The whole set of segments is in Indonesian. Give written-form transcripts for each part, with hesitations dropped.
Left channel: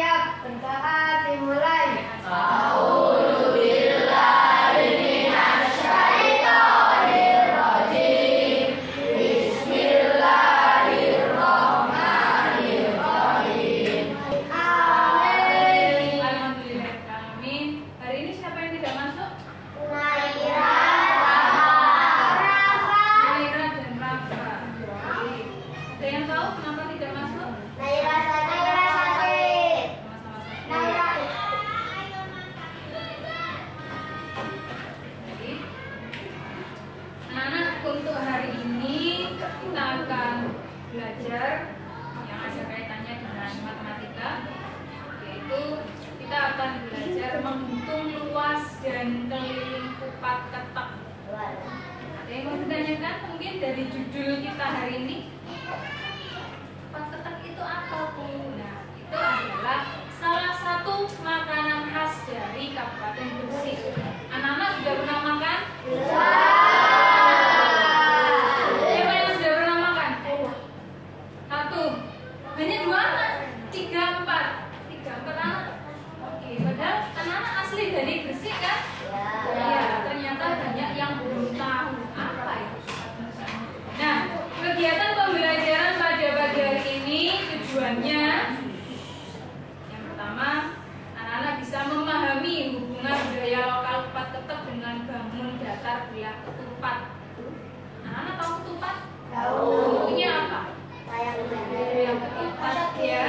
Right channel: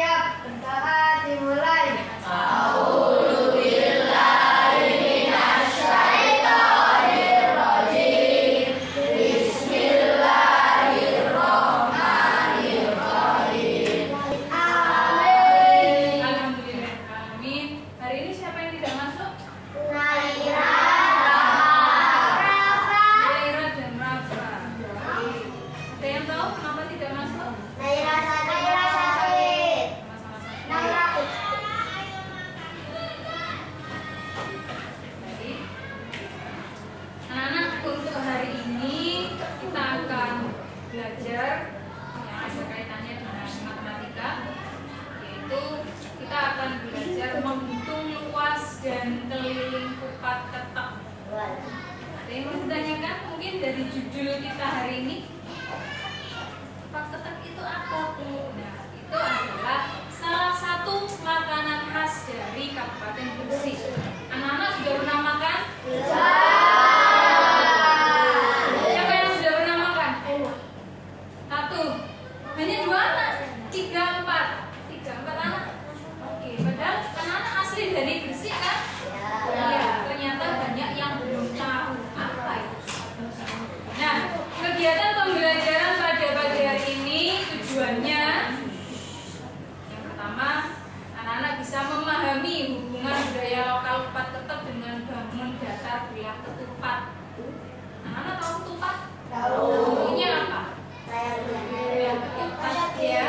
siap, bertahan, dimulai. Untuk hari ini kita akan belajar yang ada kaitannya dengan matematika, yaitu kita akan belajar menghitung luas dan keliling kupat ketek. Ada yang mau ditanyakan mungkin dari judul kita hari ini? Kupat ketek itu apa, Bu? Nah, itu adalah salah satu makanan khas dari Kabupaten Gresik. Anak-anak sudah pernah makan? Banyak 2 anak, 3, 4 anak. Oke, padahal anak-anak asli dari Gresik kan? Ya, ternyata banyak yang belum tahu apa itu. Nah, kegiatan pembelajaran pada pagi hari ini tujuannya yang pertama, anak-anak bisa memahami hubungan budaya lokal kupat ketek dengan bangun datar belah ketupat. Anak-anak tahu ketupat? Tahu. Bentuknya apa? Yang ketupat ya.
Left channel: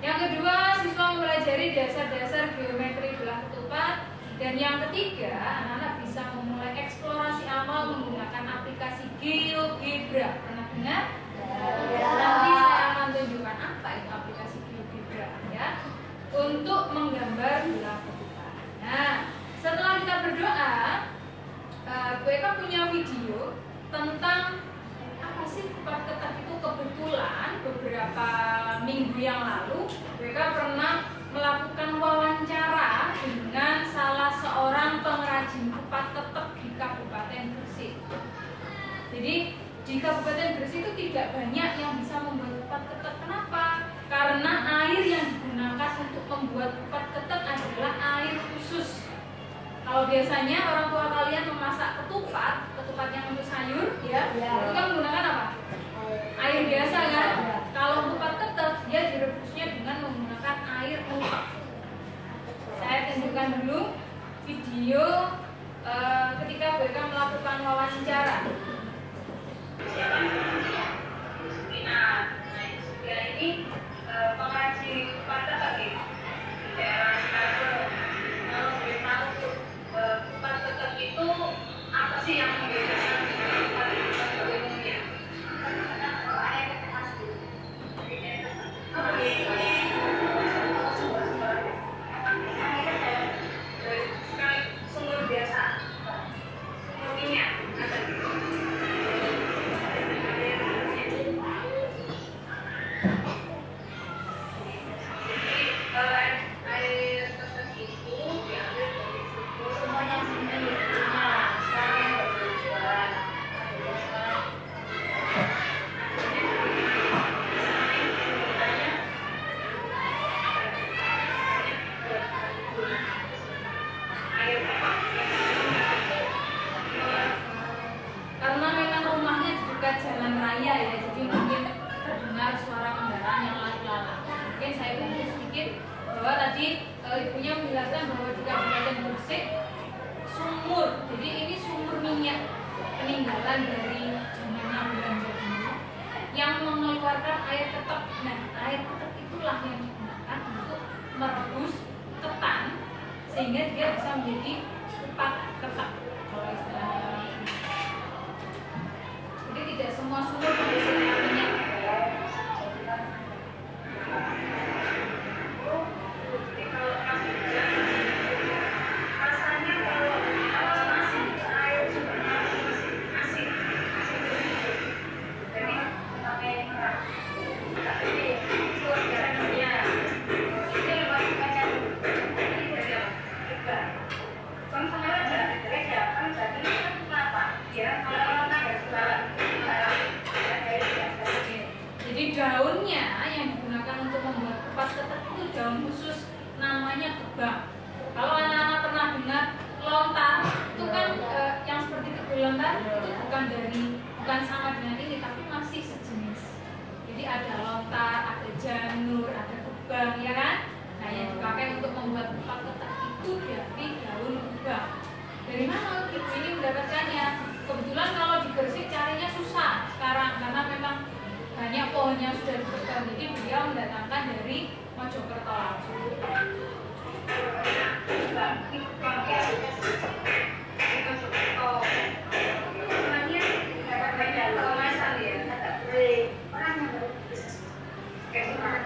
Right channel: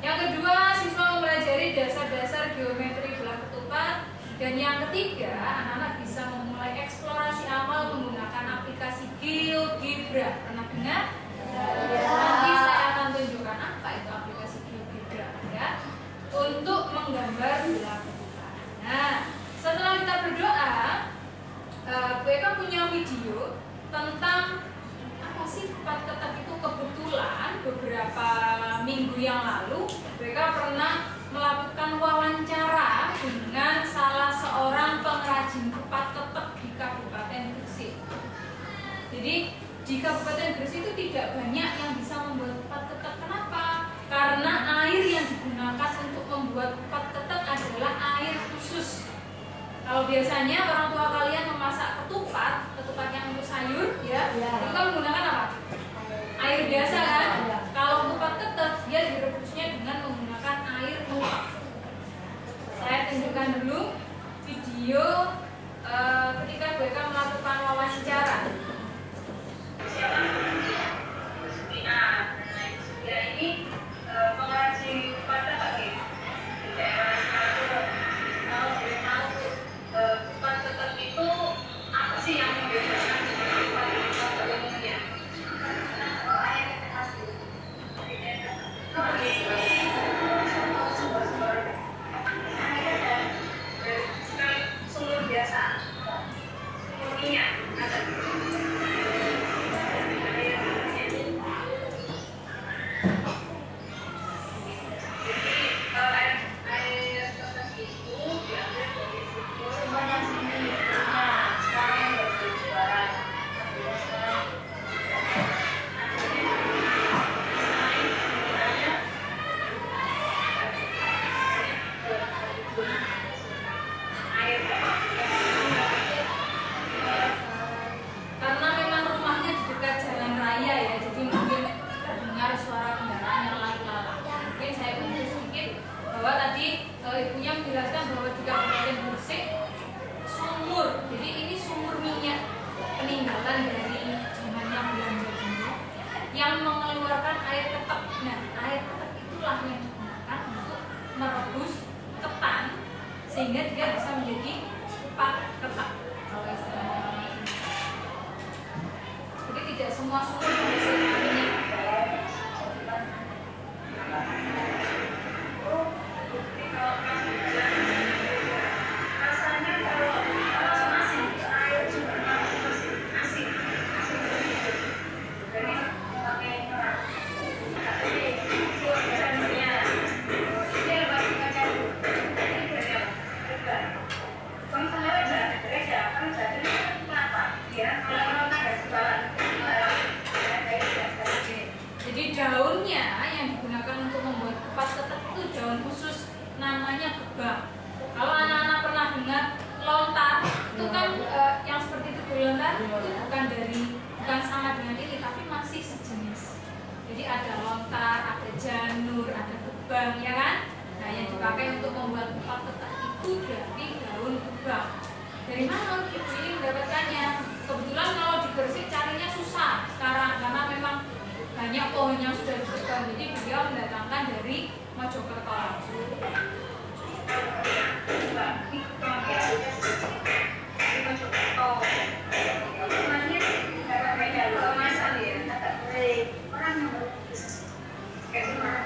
Yang kedua, siswa mempelajari dasar-dasar geometri belah ketupat. Dan yang ketiga, anak-anak bisa memulai eksplorasi awal menggunakan aplikasi GeoGebra. Pernah dengar? Nanti saya akan tunjukkan apa itu aplikasi GeoGebra ya, untuk menggambar belah ketupat. Nah, setelah kita berdoa, Bu Eka punya video tentang apa sih kupat ketek itu. Kebetulan beberapa minggu yang lalu mereka pernah melakukan wawancara dengan salah seorang pengrajin kupat ketek di Kabupaten Gresik. Jadi di Kabupaten Gresik itu tidak banyak yang bisa membuat kupat ketek. Kenapa? Karena air yang digunakan untuk membuat kupat ketek adalah air khusus. Kalau biasanya orang tua kalian memasak ketupat yang untuk sayur ya, itu kan menggunakan apa? Air biasa kan? Kalau kupat ketek dia direbusnya dengan menggunakan air uap. Saya tunjukkan dulu video ketika mereka melakukan wawancara. Ini pengrajin kupat ketek di daerah Singapura. Kalau boleh tahu kupat ketek itu apa sih yang membedakan dengan kupat umumnya? Sumur biasa, sumur minyak. Karena memang rumahnya di dekat jalan raya ya, jadi mungkin terdengar suara kendaraan yang lalu lalang. Mungkin saya bantu sedikit bahwa tadi ibunya menjelaskan bahwa di Kabupaten Gresik sumur, jadi ini sumur minyak peninggalan dari zamannya Belanda dulu yang mengeluarkan air ketek. Nah, air ketek itulah yang digunakan untuk merebus ketan sehingga dia bisa menjadi kupat ketek kalau istilahnya orang ini. Jadi tidak semua sumur berisi minyak. Rasanya kalau asin, air sumber asin. Jadi pakai merah. Ini suaranya. Ini lebih pakai ini beda. Kan saya ada kan jadi kenapa? Ya kalau orang agak suka. Jadi daunnya yang digunakan untuk membuat kupat tempat ketek itu daun khusus namanya gebang. Kalau anak-anak pernah dengar lontar, itu kan yang seperti itu lontar itu bukan sama dengan ini, tapi masih sejenis. Jadi ada lontar, ada janur, ada gebang, ya kan? Nah, yang dipakai untuk membuat tempat ketek itu dari daun gebang. Dari mana Ibu ini mendapatkannya? Kebetulan kalau di Gresik carinya susah sekarang karena memang banyak pohonnya sudah ditebang. Jadi beliau mendatangkan dari Mojokerto langsung.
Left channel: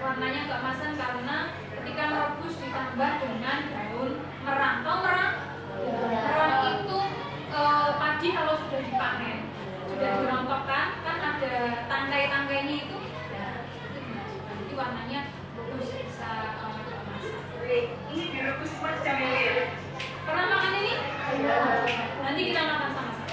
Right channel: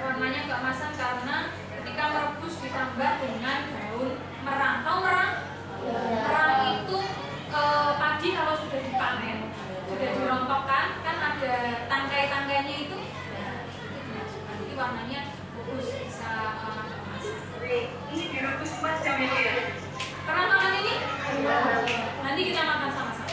Warnanya keemasan karena ketika merebus ditambah dengan daun merang. Tahu merang? Merang itu padi kalau sudah dipanen, sudah dirontokkan, kan ada tangkai-tangkainya itu, nah, itu dimasukkan. Jadi warnanya bagus, bisa warna keemasan. Ini direbus 4 jam ini. Pernah makan ini? Nanti kita makan sama-sama.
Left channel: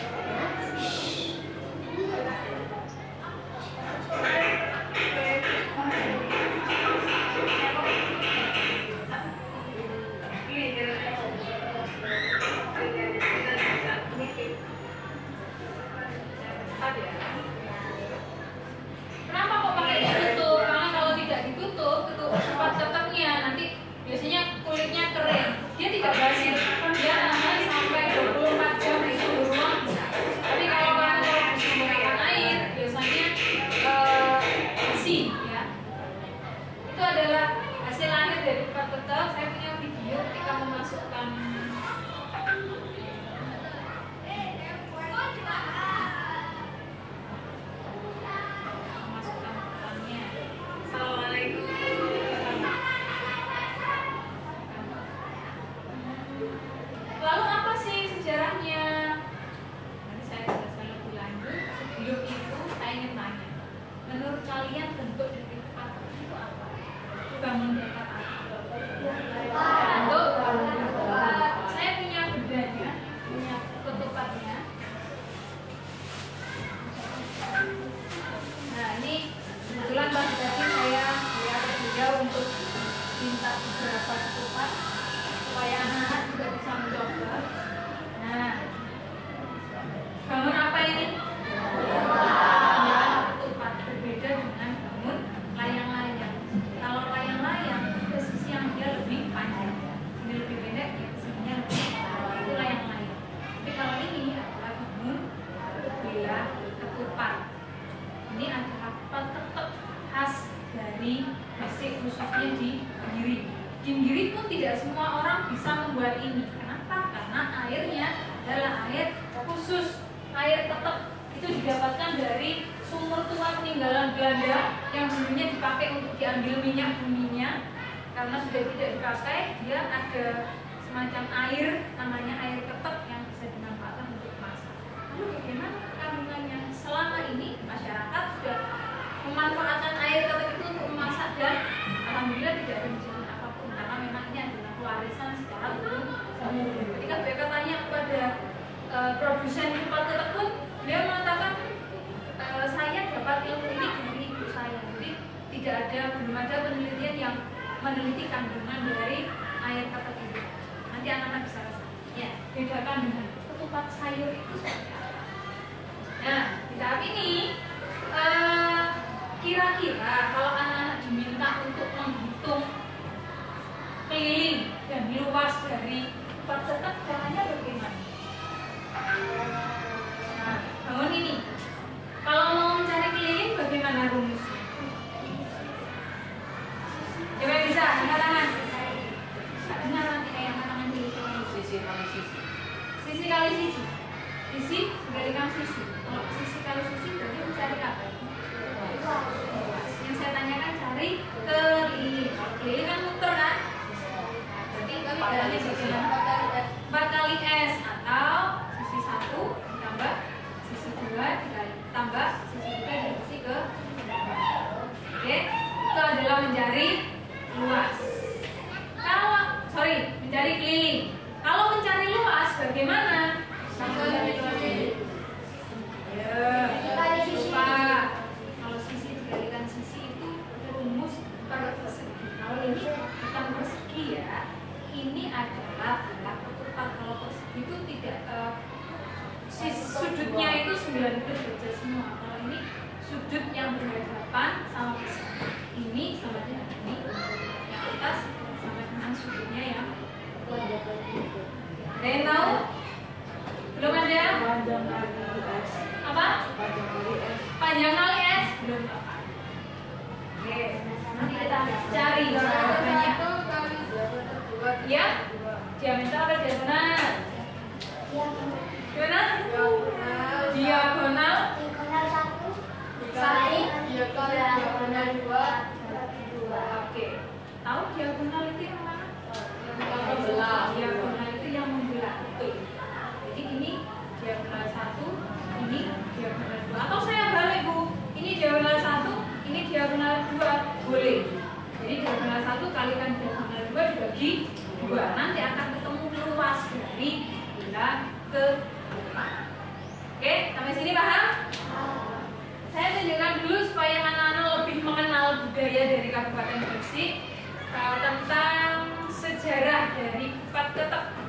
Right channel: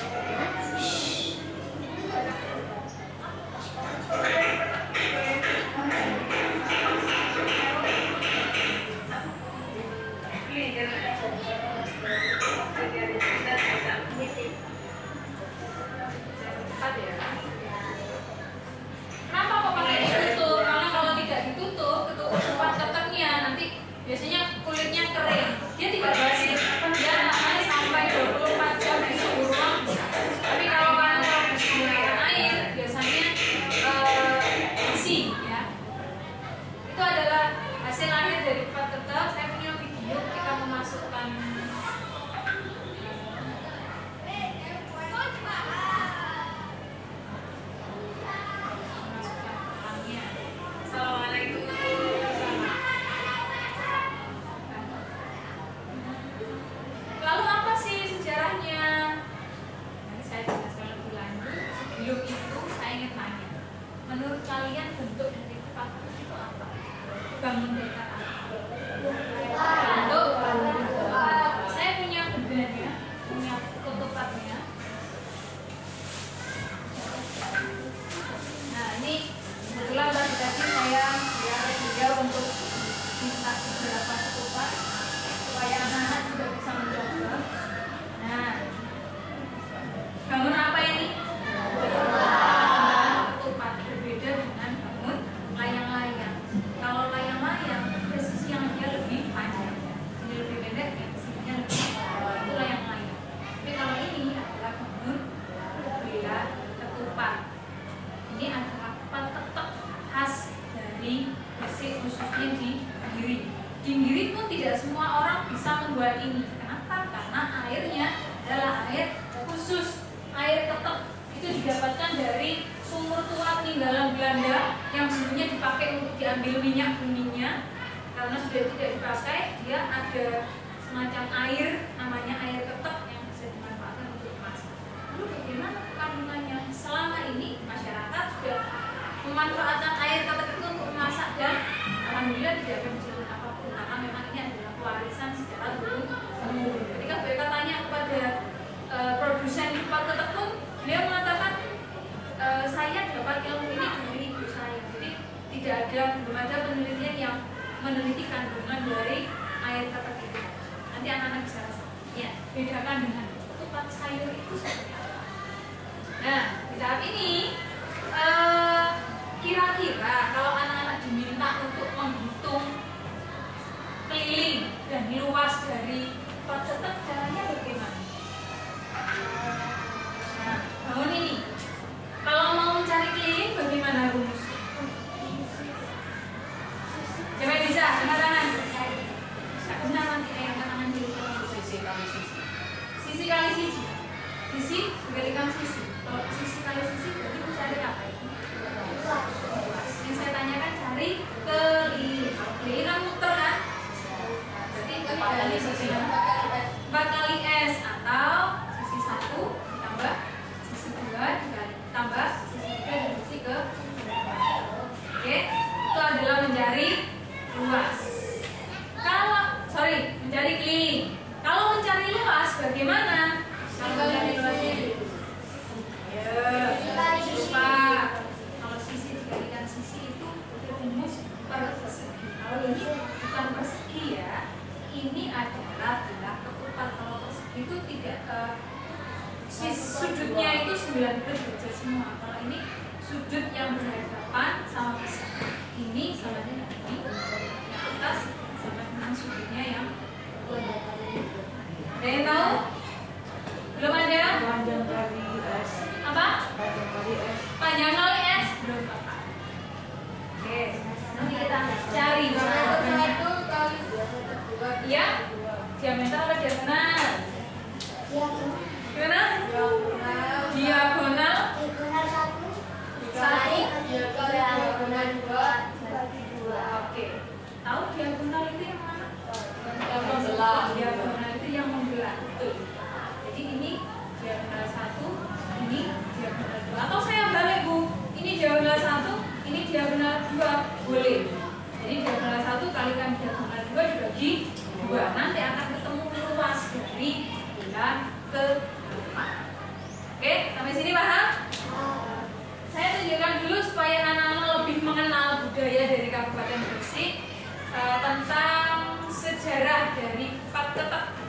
Kenapa kok pakai ditutup? Karena kalau tidak ditutup, tempat keteknya nanti biasanya kulitnya kering, dia tidak basi, dia namanya sampai 24 jam di suhu ruang bisa. Tapi kalau kamu habis menggunakan air, biasanya basi, ya. Itu adalah hasil akhir dari tempat ketek. Saya punya video ketika memasukkan petangnya. Assalamualaikum. Lalu apa sih sejarahnya? Nanti saya jelaskan lebih lanjut. Sebelum itu saya ingin tanya, menurut kalian bentuk dari tempat ketek itu apa? Bangun dekar apa? Bentuk. Saya punya bedanya, punya ketupatnya. Nah, ini kebetulan tadi saya beliau untuk minta beberapa ketupat supaya anak-anak juga bisa mencoba. Nah, bangun apa ini? Ketupat, berbeda dengan bangun layang-layang. Kalau layang-layang ada sisi yang dia lebih panjang, ini lebih pendek, ya sisinya lebih panjang. Itu layang-layang. Tapi kalau ini adalah bangun bila ketupat. Ini adalah tempat ketek khas dari Gresik, khususnya di Giri. Di Giri pun tidak semua orang bisa membuat ini. Kenapa? Karena airnya adalah air khusus, air ketek. Itu didapatkan dari sumur tua peninggalan Belanda yang dulunya dipakai untuk diambil minyak buminya. Karena sudah tidak dipakai, dia ada semacam air, namanya air ketek yang bisa dimanfaatkan untuk masak. Lalu bagaimana kandungannya? Selama ini masyarakat sudah memanfaatkan air ketek itu untuk memasak dan alhamdulillah tidak ada kejadian apapun karena memang ini adalah warisan secara turun temurun. Ketika mereka tanya kepada produsen tempat ketek pun, dia mengatakan saya dapat ilmu ini dari ibu saya. Jadi belum ada penelitian yang meneliti kandungan dari air ketek itu. Nanti anak-anak bisa rasa. Ya, bedakan dengan ketupat sayur itu seperti apa. Nah, di tahap ini kira-kira kalau anak-anak diminta untuk menghitung keliling dan luas dari tempat ketek, caranya bagaimana? Nah, bangun ini. Kalau mau mencari keliling bagaimana rumus? Coba bisa, angkat tangan. Benar nanti ayam tangan dulu. Sisi kali sisi. Sisi kali sisi. Sisi dikalikan sisi. Kalau sisi kali sisi berarti mencari apa? Yang saya tanyakan cari keliling. Kalau keliling kan muter kan? Berarti kelilingannya bagaimana? 4 kali S atau sisi 1 ditambah sisi 2 ditambah sisi 3 dan sisi ke. Oke, itu adalah mencari luas. Mencari keliling. Kalau mencari luas bagaimana? Kalau mencari luas lupa. Kalau sisi dikalikan sisi itu rumus per persegi. ini bukan persegi ya. Ini adalah bila ketupat. Kalau persegi itu tidak sudutnya itu 90 derajat semua. Kalau ini sudut yang berhadapan sama pisau. Ini sama dengan ini. Yang atas sama dengan sudutnya yang ada yang tahu? Belum ada? Panjang kali S. Apa? Panjang kali S. Panjang kali S? Belum tepat. Oke, nanti kita cari jawabannya. Ya? Diameter atau diagonal? Gimana? Diagonal? Satu? diagonal 2 bagi 2. Oke. Tahu diagonal itu yang mana? Diagonal itu yang membelah. Betul. Jadi ini diagonal 1, ini diagonal 2. Atau saya balik, Bu. Ini diagonal 1, ini diagonal 2. Boleh. Jadi diagonal 1 kalikan diagonal 2 dibagi 2. Nanti akan ketemu luas dari bilah ke 4. Oke, sampai sini paham? Saya tunjukkan dulu supaya anak-anak lebih mengenal budaya dari Kabupaten Gresik tentang sejarah dari kupat ketek.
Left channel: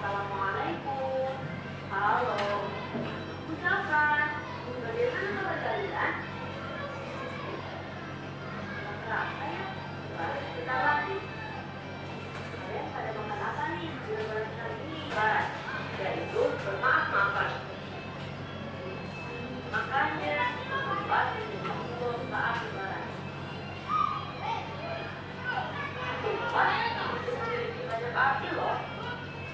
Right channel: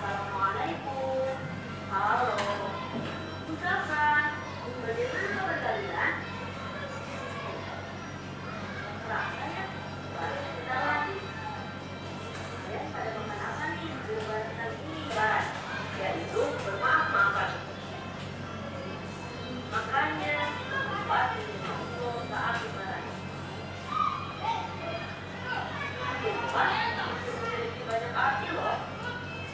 Assalamualaikum. Halo. Ucapan. Bagaimana kabar kalian? Terasa ya? Baru sebentar lagi. Kalian pada makan apa nih di lebaran kali ini? Lebaran, yaitu bermaaf-maafan. Makanya ketupat dikumpul saat lebaran. Ketupat bisa memiliki banyak arti loh.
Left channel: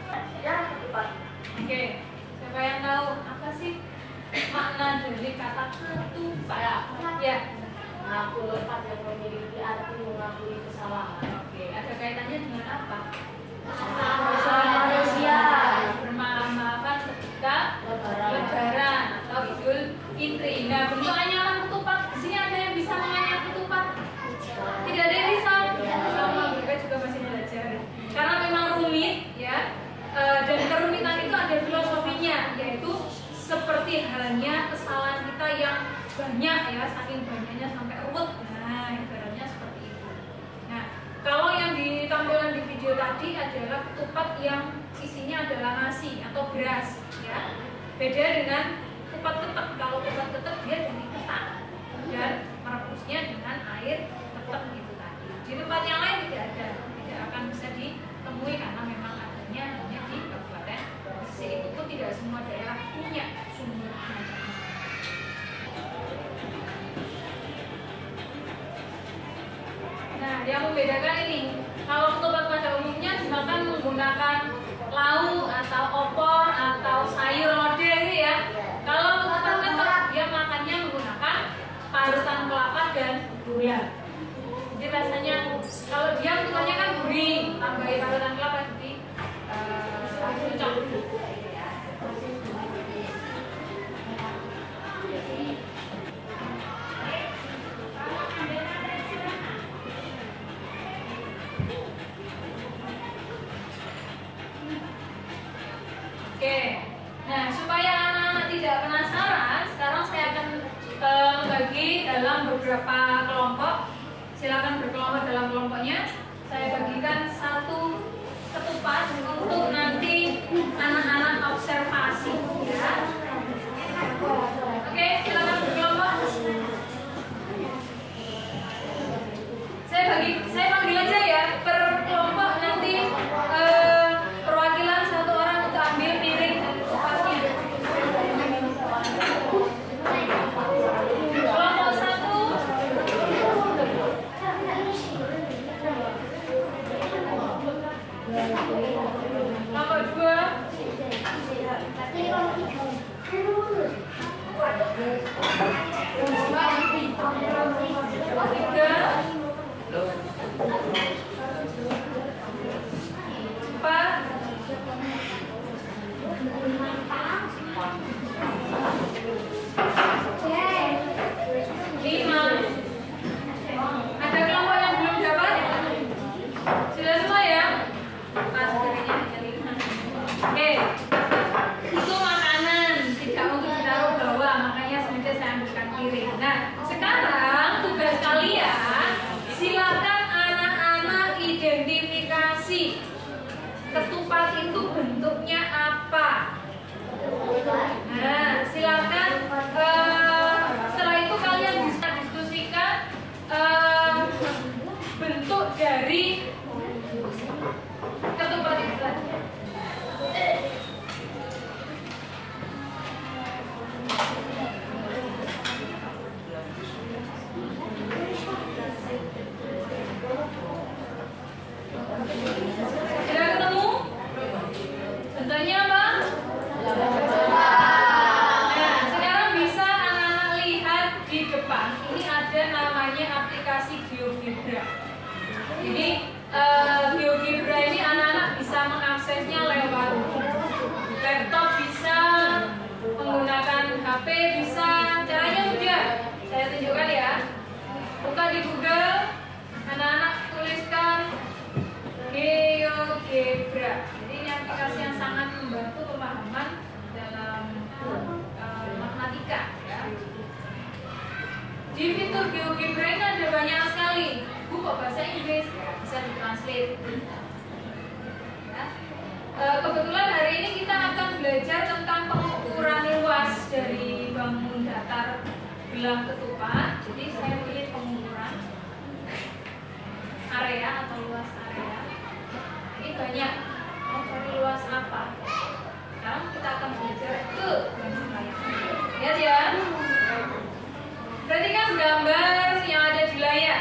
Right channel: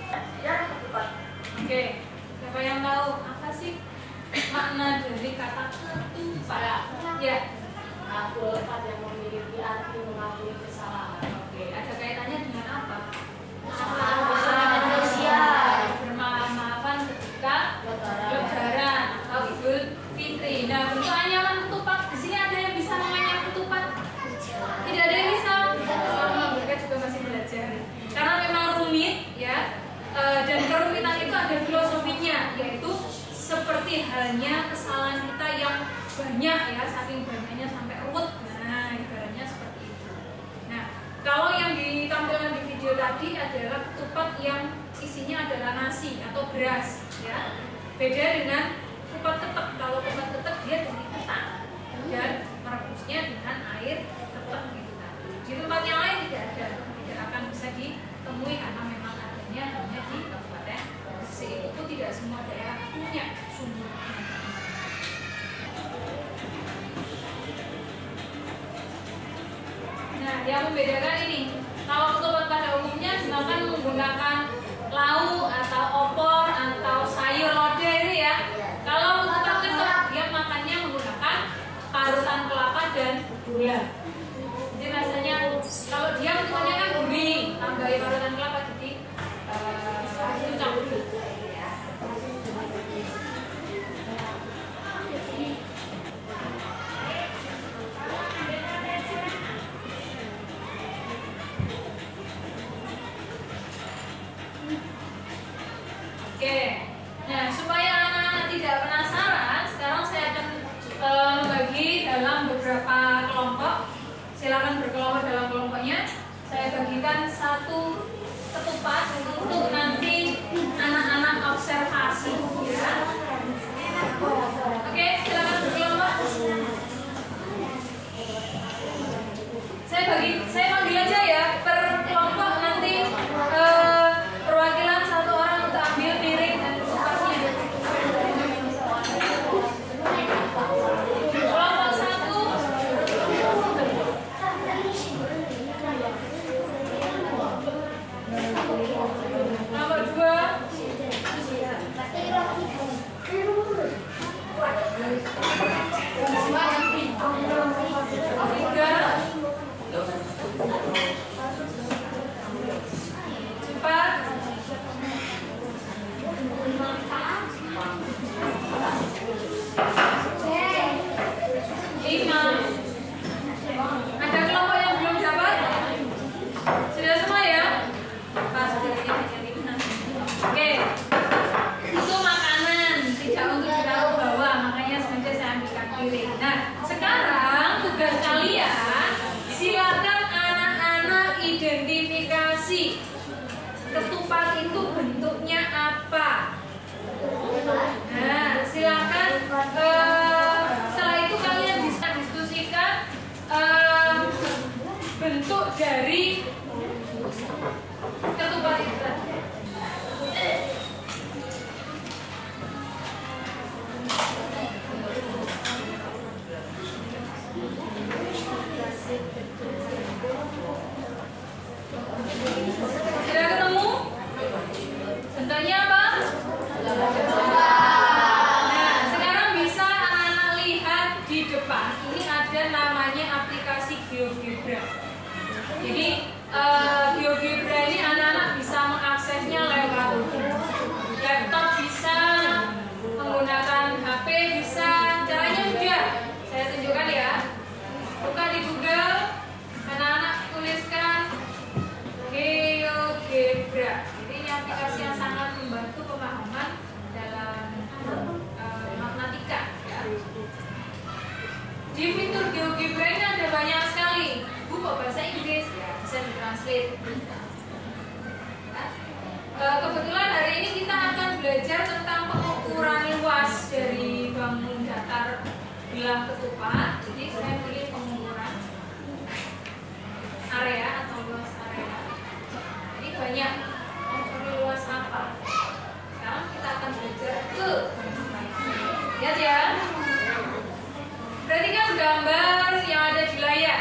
Sejarah ketupat. Oke, siapa yang tahu apa sih makna dari kata ketupat? Ya. Mengaku lepas yang memiliki arti mengakui kesalahan. Oke, ada kaitannya dengan apa? Malaysia. Bermaaf-maafan ketika Lebaran. Lebaran atau Idul Fitri. Nah, bentuk anyaman ketupat di sini ada yang bisa menganyam ketupat? Tidak ada yang bisa. Sama mereka juga masih belajar. Karena memang rumit, ya. Dan kerumitan itu ada filosofinya, yaitu seperti halnya kesalahan kita yang banyak ya, saking banyaknya sampai ruwet. Nah, ibaratnya seperti itu. Nah, kalau yang ditampilkan di video tadi adalah ketupat yang isinya adalah nasi atau beras, ya. Beda dengan kupat ketek. Kalau kupat ketek dia dari ketan dan merebusnya dengan air ketek gitu tadi. Di tempat yang lain tidak ada, tidak akan bisa ditemui karena memang adanya hanya di Kabupaten Gresik. Itu pun tidak semua daerah punya sumber. Nah, yang membedakan ini, kalau ketupat pada umumnya dimakan menggunakan lauk atau opor atau sayur lodeh ini ya. Kalau ketupat ketek dia makannya menggunakan parutan kelapa dan gula. Jadi rasanya kalau dia ketupannya kan gurih, tambahin parutan kelapa jadi cocok. Ya. Oke, nah supaya anak-anak tidak penasaran, sekarang saya akan membagi dalam beberapa kelompok. Silakan berkelompok dalam kelompoknya. Saya bagikan satu ketupat untuk nanti anak-anak observasi, ya. Oke, silakan berkelompok. Saya panggil aja ya per kelompok nanti. Perwakilan satu orang untuk ambil piring dan ketupatnya. Kelompok 1. Kelompok 2. Ada kelompok yang belum dapat? Sudah semua ya? Pas kirinya hanya 5. Oke. Itu makanan, tidak untuk ditaruh bawah, makanya sengaja saya ambilkan piring. Nah, sekarang tugas kalian, silakan anak-anak identifikasi ketupat itu bentuknya apa. Nah, silakan. Setelah itu kalian bisa diskusikan bentuk dari ketupat itu tadi. Sudah ketemu? Bentuknya apa? Nah, sekarang bisa anak-anak lihat di depan. Ini ada namanya aplikasi GeoGebra. Jadi GeoGebra ini anak-anak bisa mengaksesnya lewat laptop, bisa menggunakan HP, bisa. Caranya mudah. Saya tunjukkan ya. Buka di Google, anak-anak tuliskan GeoGebra. Jadi ini aplikasi yang sangat membantu pemahaman dalam matematika ya. Di fitur GeoGebra ini ada banyak sekali buku bahasa Inggris ya, bisa ditranslate. Kebetulan hari ini kita akan belajar tentang pengukuran luas dari bangun datar belah ketupat. Jadi saya pilih pengukuran area atau luas area. Ini banyak. Mau cari luas apa? Sekarang kita akan belajar ke bayang. Lihat ya. Perhatikan gambar yang ada di layar.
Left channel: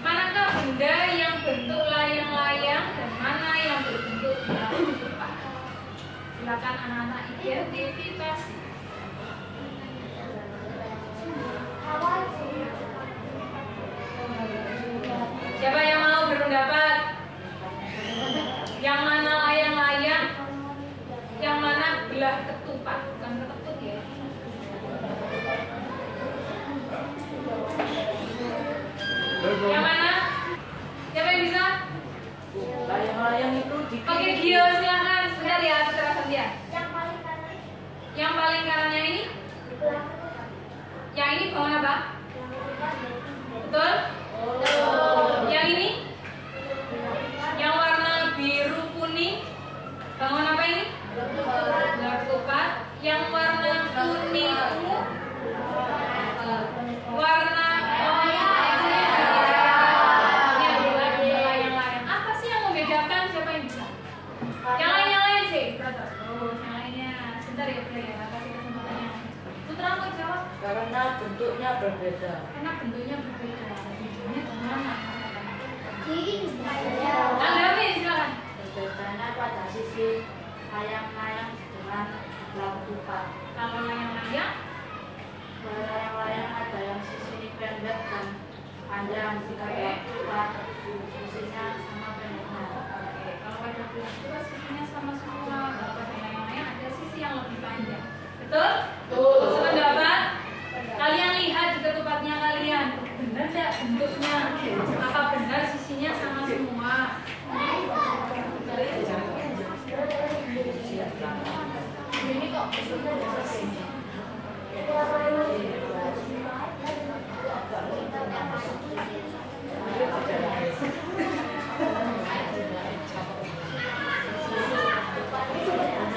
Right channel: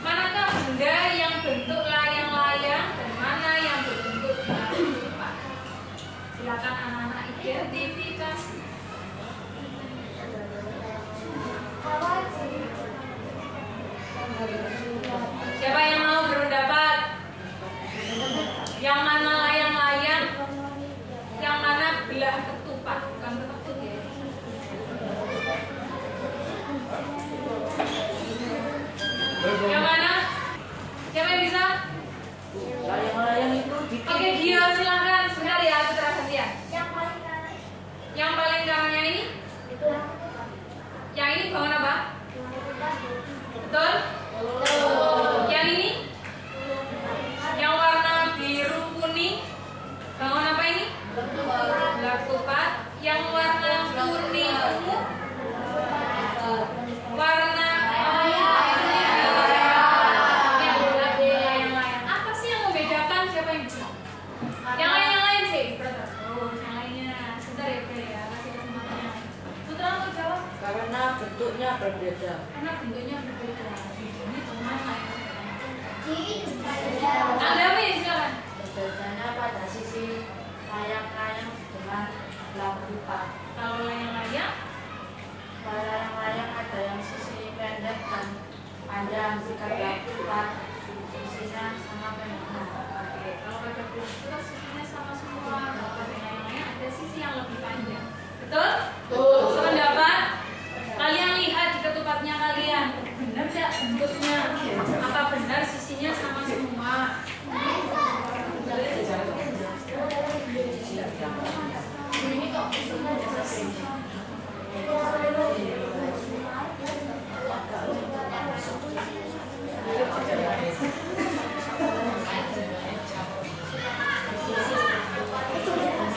Manakah benda yang bentuk layang-layang dan mana yang berbentuk bulat ketupat? Silakan anak-anak identifikasi. Siapa yang mau berpendapat? Yang mana layang-layang? Yang mana belah ketupat? Bukan keteput ya. Yang mana? Siapa yang bisa? Layang-layang itu Oke, Gio silahkan. Sebentar ya, aku terasa dia. Yang paling kanan Yang paling kanannya ini? itu yang ketupat. Yang ini bangun apa? Yang ketupat Betul? Yang ini? Yang warna biru kuning? Bangun apa ini? Belah ketupat. Yang warna kuning ungu? Warna layang-layang. Apa sih yang membedakan? Siapa yang bisa? Yang lain sih, brother. Oh, yang lainnya. Sebentar ya, Bre ya. Kasih kesempatan yang lain. Putra mau jawab? karena bentuknya berbeda. Karena bentuknya berbeda. Ini kemana? Ini Anda ambil silakan. Bedanya pada sisi layang-layang dengan belah ketupat. Kalau layang-layang, Kalau layang-layang ada yang sisi pendek dan panjang. Jika belah ketupat sisinya sama pendeknya. oke. Kalau pada belah ketupat sisinya sama semua. Kalau pada layang-layang ada sisi yang lebih panjang. Betul? Sependapat? Kalian lihat di ketupatnya kalian. Benar tidak bentuknya? Apa benar sisinya sama semua? ini kok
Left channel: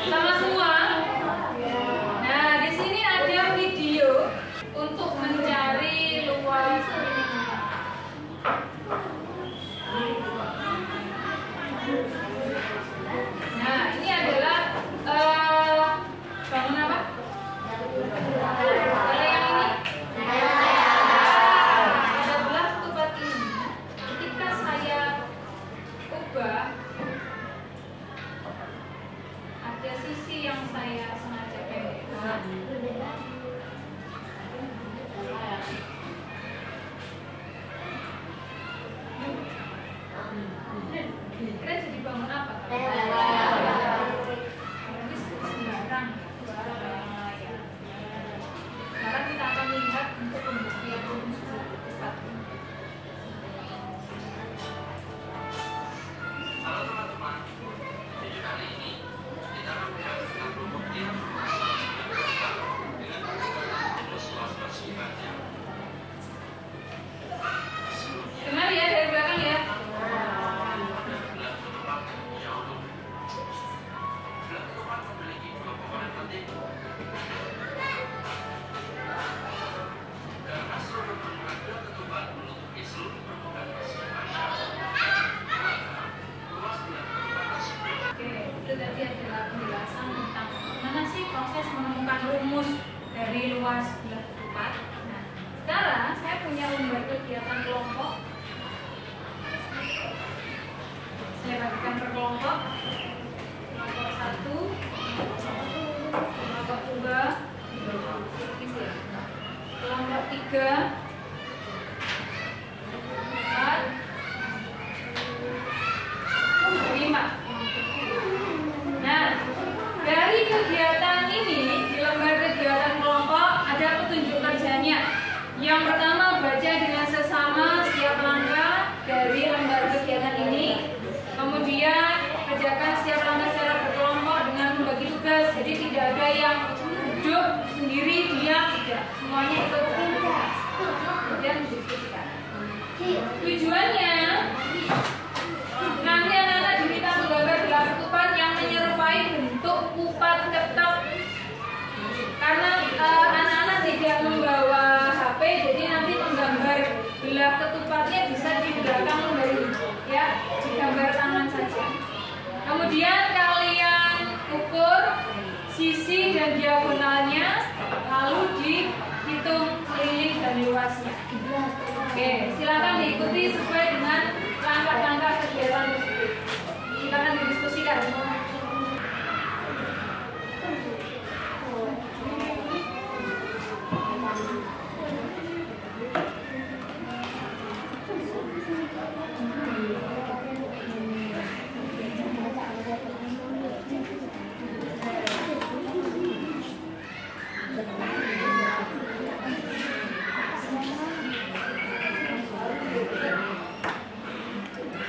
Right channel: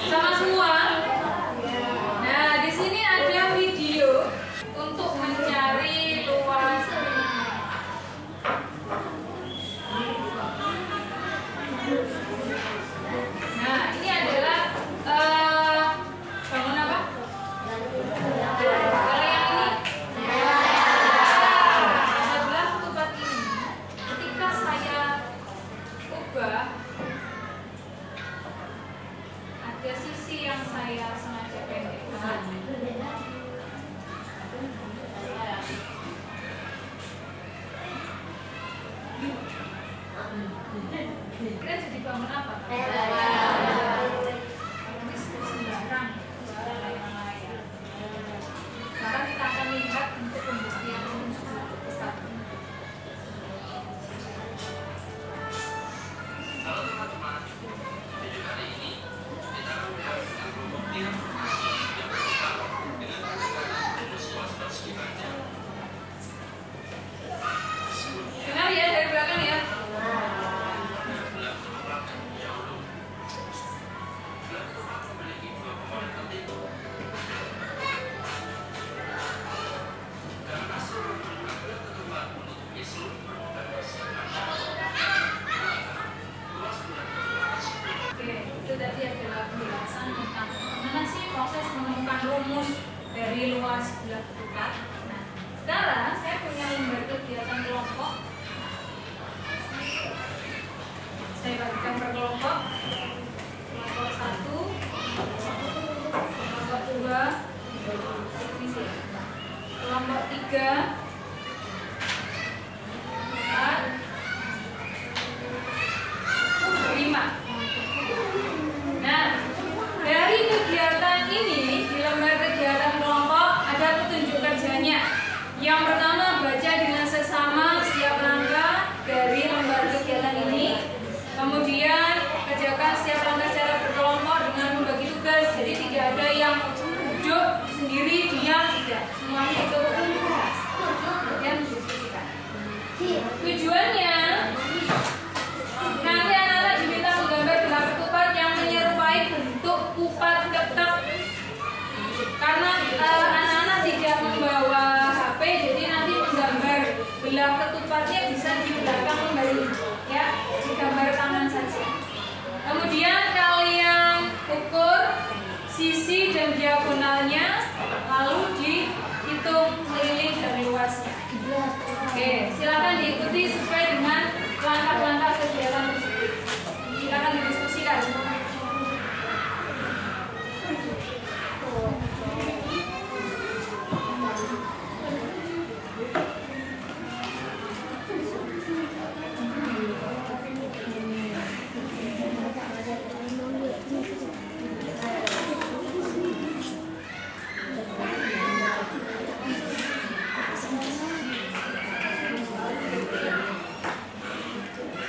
Sama semua? Nah, di sini ada video untuk mencari luas. Nah, ini adalah bangun apa? Kalau yang ini adalah ketupat ini. Ketika saya ubah, ada sisi yang saya sengaja pendekkan. Kira jadi bangun apa? Mungkin sembarang ya. proses menemukan rumus dari luas belah ketupat. Nah, sekarang saya punya lembar kegiatan kelompok. Saya bagikan per kelompok. Kelompok 1, kelompok 2, kelompok 3, 4, 5. Nah, dari kegiatan ini di lembar kegiatan kelompok ada petunjuk kerjanya. Yang pertama, baca dengan seksama setiap langkah dari lembar kegiatan ini. Kemudian kerjakan setiap langkah secara berkelompok dengan membagi tugas. Jadi tidak ada yang duduk sendiri diam, tidak. Semuanya ikut tugas. Kemudian diskusikan. Tujuannya nanti anak-anak diminta menggambar belah ketupat yang menyerupai bentuk kupat ketek. Karena anak-anak tidak membawa HP, jadi nanti menggambar belah ketupatnya bisa di belakang lembar ini, ya, digambar tangan saja. Kemudian kalian ukur sisi dan diagonalnya, lalu dihitung keliling dan luasnya. Oke, silakan diikuti sesuai dengan langkah-langkah kegiatan tersebut. Silakan didiskusikan.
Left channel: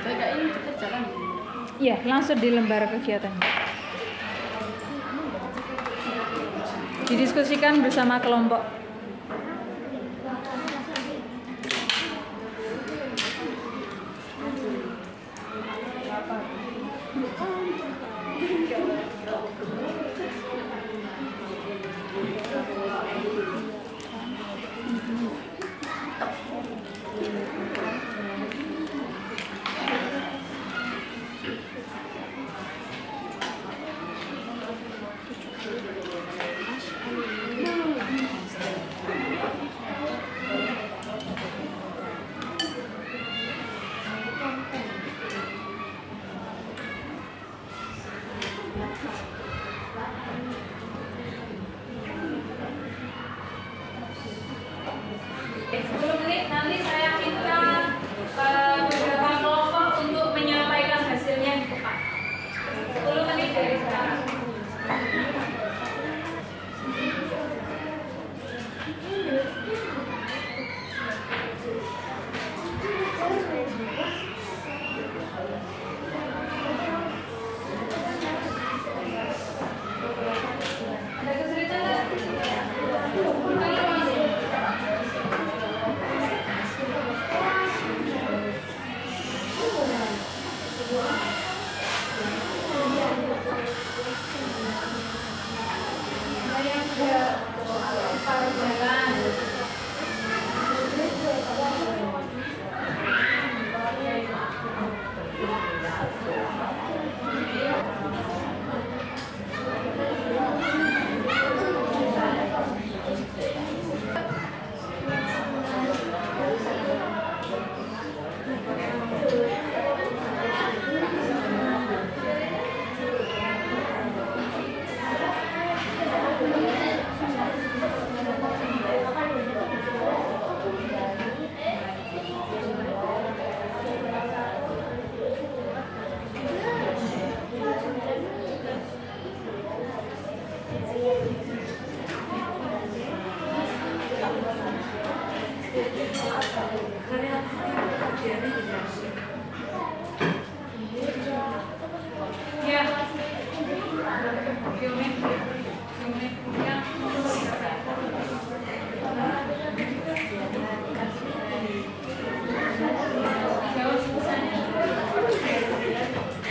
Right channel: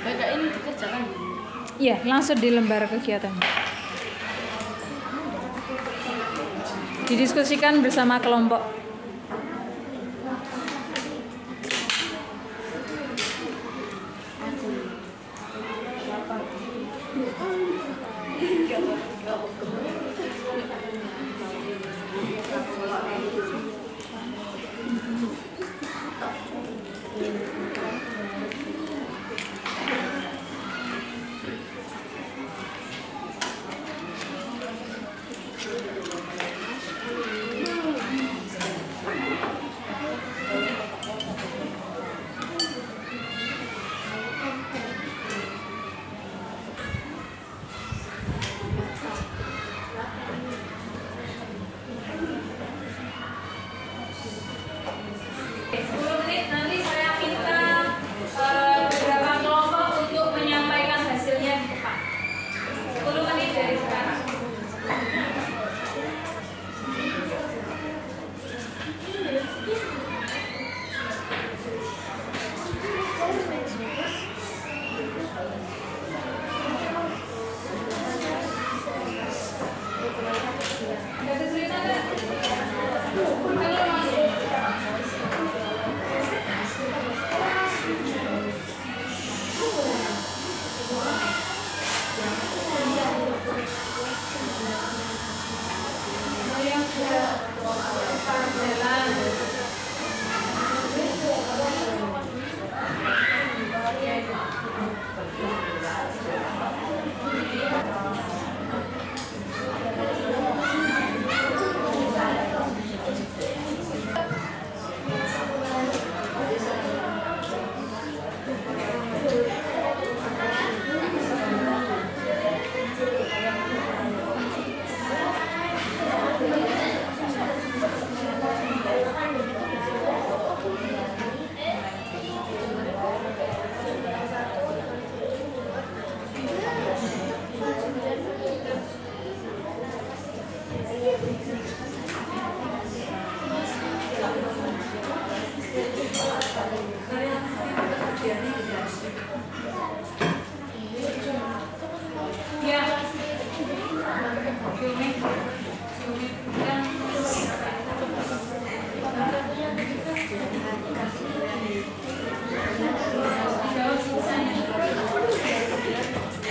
Kayak ini dikerjakan. Iya, langsung di lembar kegiatan. Didiskusikan bersama kelompok.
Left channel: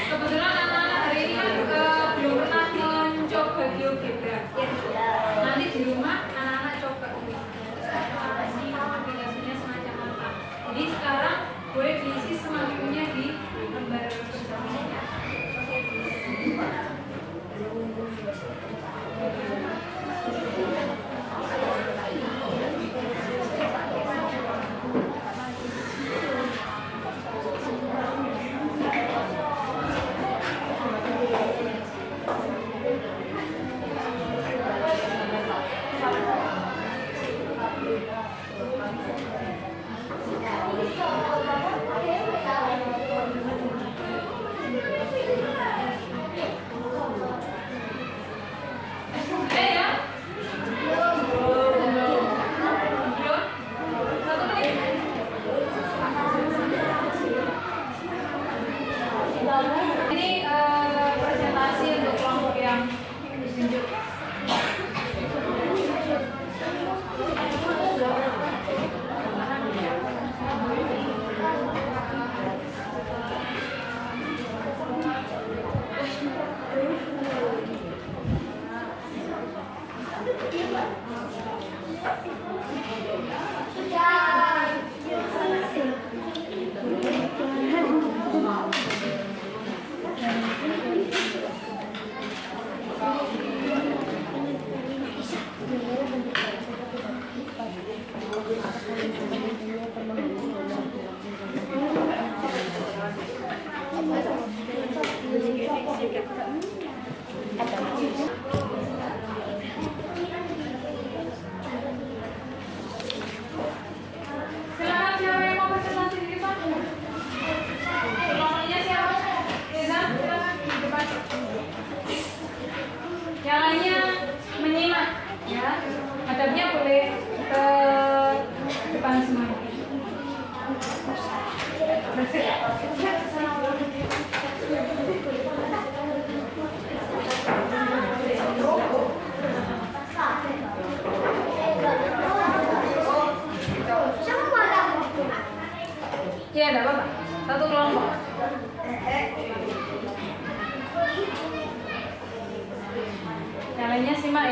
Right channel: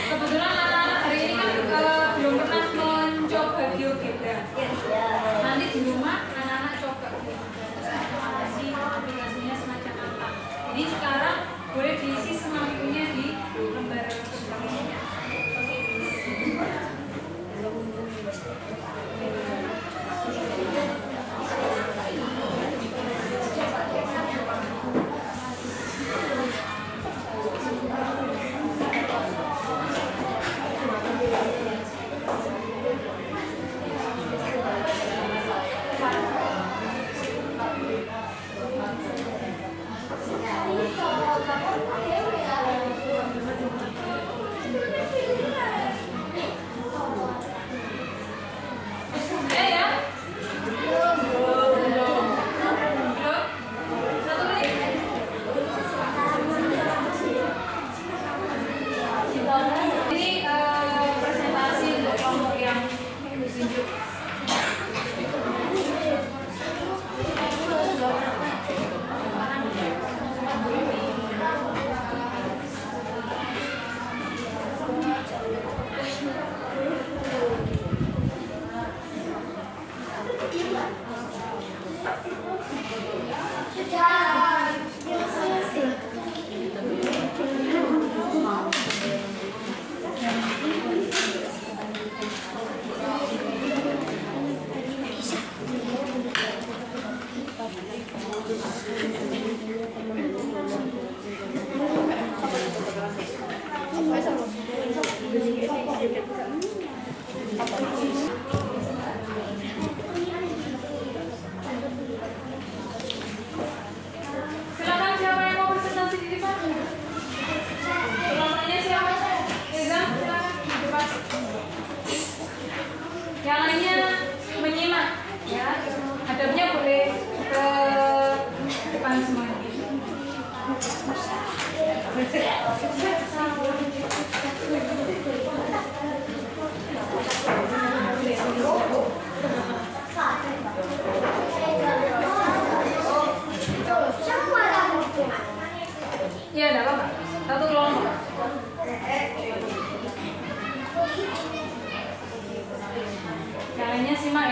Kebetulan anak-anak hari ini kan belum pernah mencoba GeoGebra.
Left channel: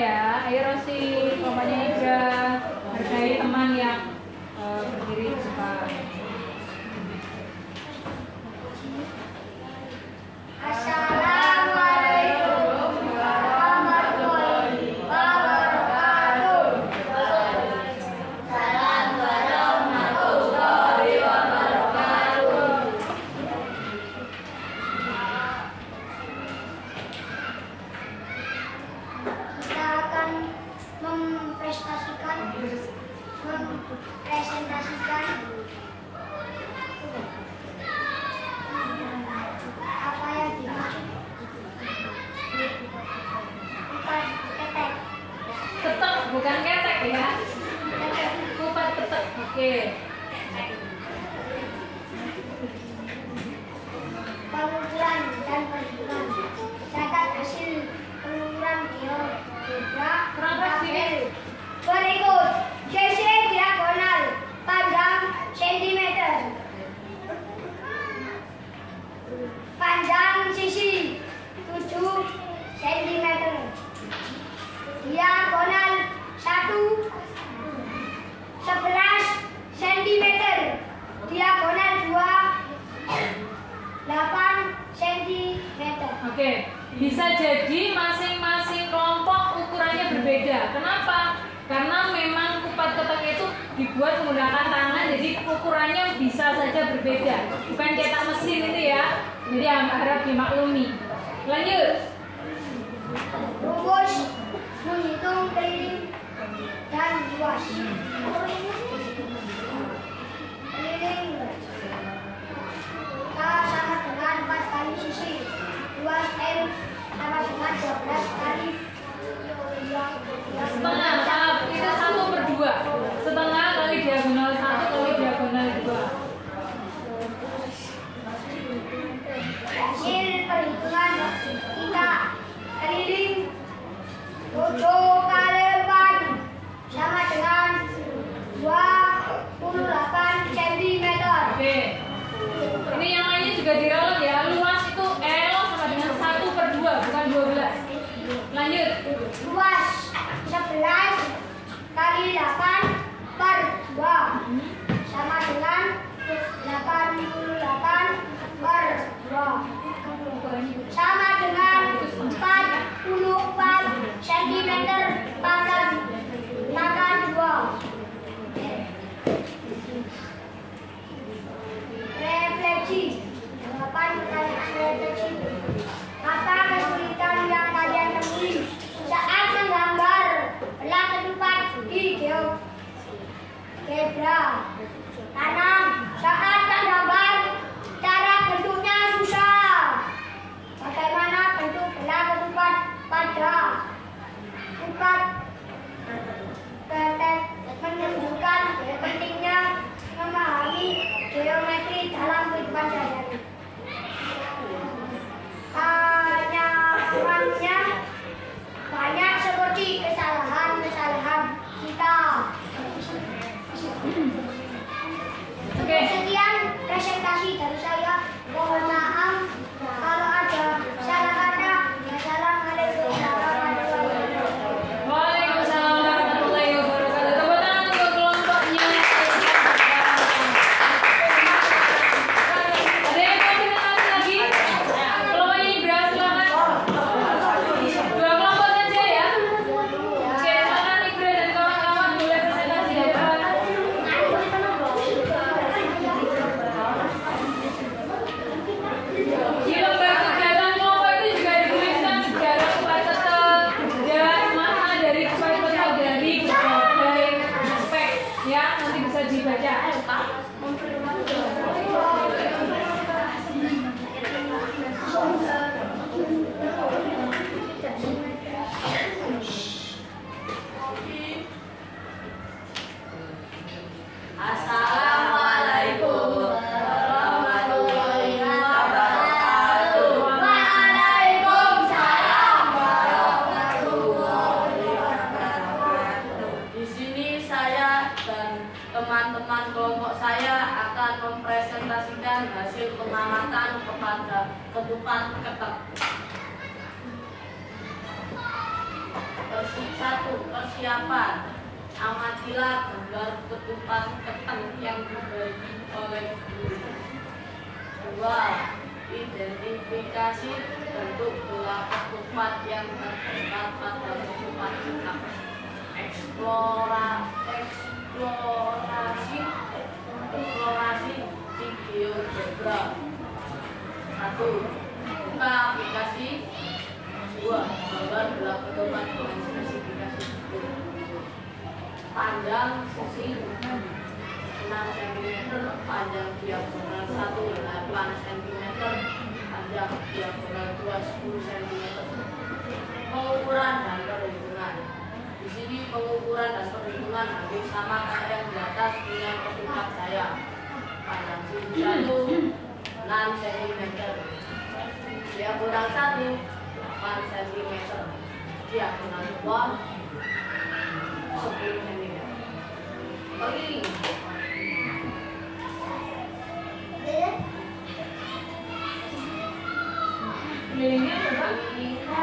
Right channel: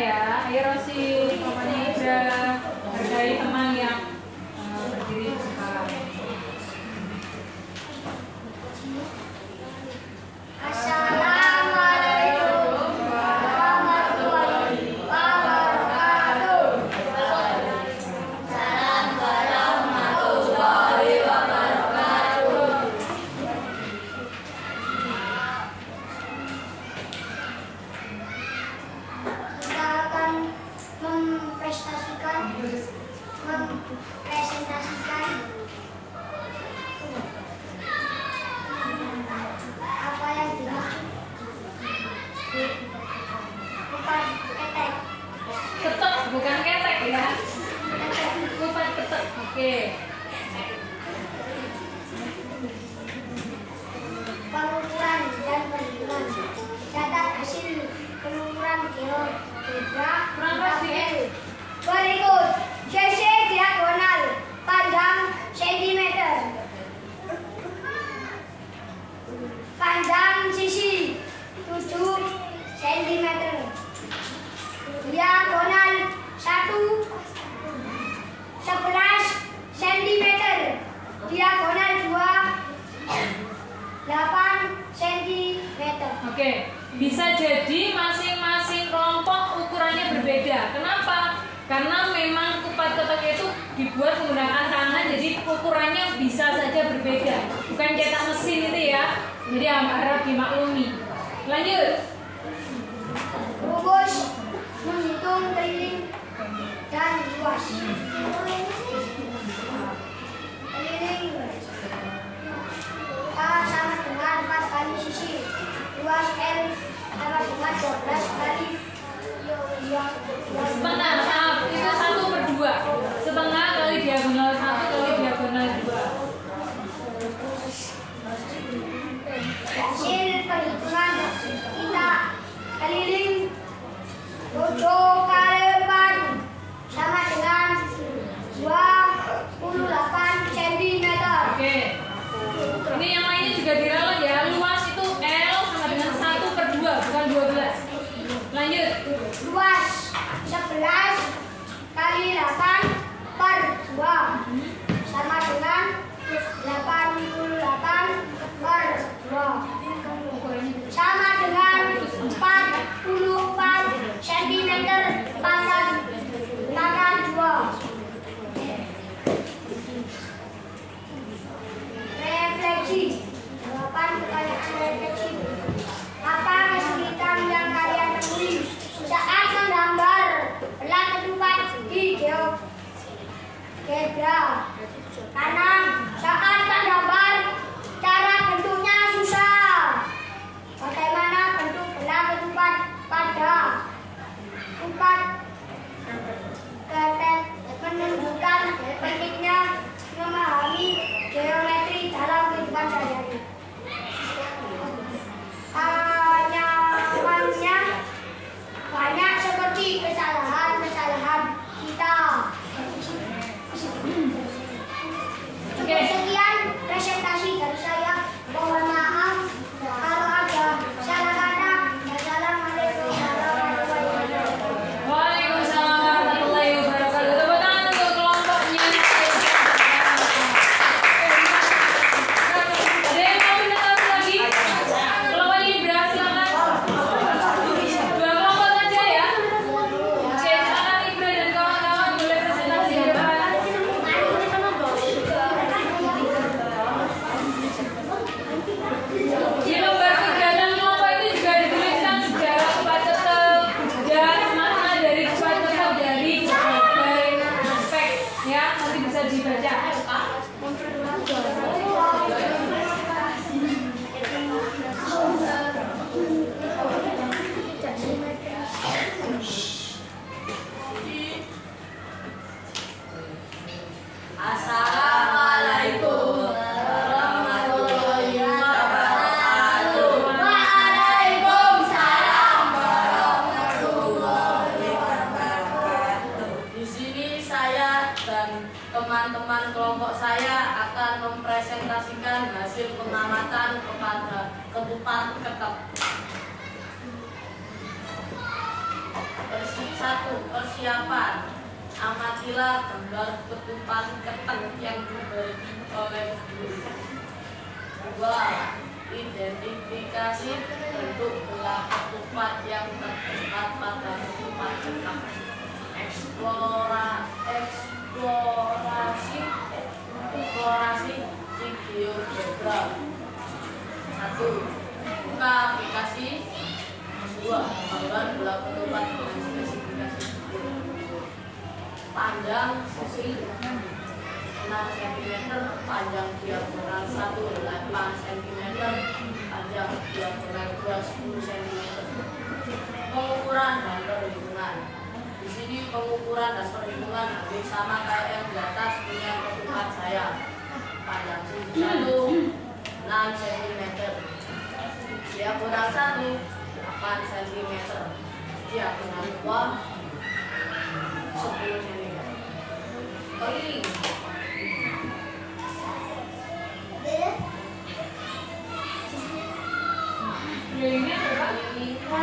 ya. Ayo Rosi, pokoknya Ibra hargai teman yang berdiri di sebelah. Assalamualaikum warahmatullahi wabarakatuh. Salam warahmatullahi wabarakatuh. Kita akan mempresentasikan apa yang dimaksud kupat ketek. Ketek bukan ketek ya. Ketek. Kupat ketek. Oke. Pengukuran dan perhitungan. Catat hasil pengukuran geometri Kurang keras sedikit. berikut. CC diagonal panjang cm. Panjang sisi 7 cm. Diagonal 1 11 cm. Diagonal 2 8 cm. Oke, bisa jadi masing-masing kelompok ukurannya berbeda. Kenapa? Karena memang kupat ketek itu dibuat menggunakan tangan, jadi ukurannya bisa saja berbeda. Bukan cetak mesin itu ya. Jadi harap dimaklumi. Lanjut. Rumus menghitung keliling dan luas. Keliling K sama dengan 4 kali sisi. Luas L sama dengan 12 kali Setengah, maaf, itu 1/2. Setengah kali diagonal 1 kali diagonal 2. Hasil perhitungan kita keliling 7 kali 4 sama dengan 28 cm. Oke. Ini yang lainnya juga diralat ya. Luas itu L sama dengan 1/2, bukan 12. Lanjut. Luas 11 kali 8/2 sama dengan 88/2 sama dengan 44 cm pangkat 2. Refleksi. Jawaban pertanyaan refleksi. Apa kesulitan yang kalian temui saat menggambar belah ketupat di GeoGebra? Karena saat menggambar cara bentuknya susah. Bagaimana bentuk belah ketupat pada kupat ketek menunjukkan pentingnya memahami geometri dalam kehidupan sehari-hari. Anyamannya banyak seperti kesalahan-kesalahan kita. Oke. Sekian presentasi dari saya. Mohon maaf kalau ada salah kata. Wassalamualaikum warahmatullahi wabarakatuh. Waalaikumsalam warahmatullahi wabarakatuh. Tepuk tangan untuk kelompoknya. Ada yang mau presentasi lagi? Kelompoknya Ibra, silakan. 2 kelompok saja ya. Oke, silakan Ibra dan kawan-kawan boleh presentasi di depan. Di lembar kegiatan kelompok itu juga dituliskan sejarah kupat ketek dan makna dari kupat ketek dari berbagai aspek ya, nanti bisa dibaca. Assalamualaikum warahmatullahi wabarakatuh. Waalaikumsalam warahmatullahi wabarakatuh. Di sini saya dan teman-teman kelompok saya akan mempresentasikan hasil pengamatan kepada ketupat ketek. 1. Persiapan. Amatilah gambar ketupat ketan yang diberi oleh guru. 2. Identifikasi bentuk belah ketupat yang terdapat pada ketupat ketan. Eksplorasi GeoGebra. 1. Buka aplikasi. 2. Gambar belah ketupat dengan spesifikasi bentuk. Panjang sisi 6 cm, panjang diagonal 1 8 cm, panjang diagonal 2 10 cm. Pengukuran dan perhitungan. Di sini pengukuran dan perhitungan hampir sama kayak yang di atas dengan ketupat saya. Panjang sisi 1 6 cm, diagonal 1 8 cm, diagonal 2 10 cm. Keliling. Kelilingnya berapa?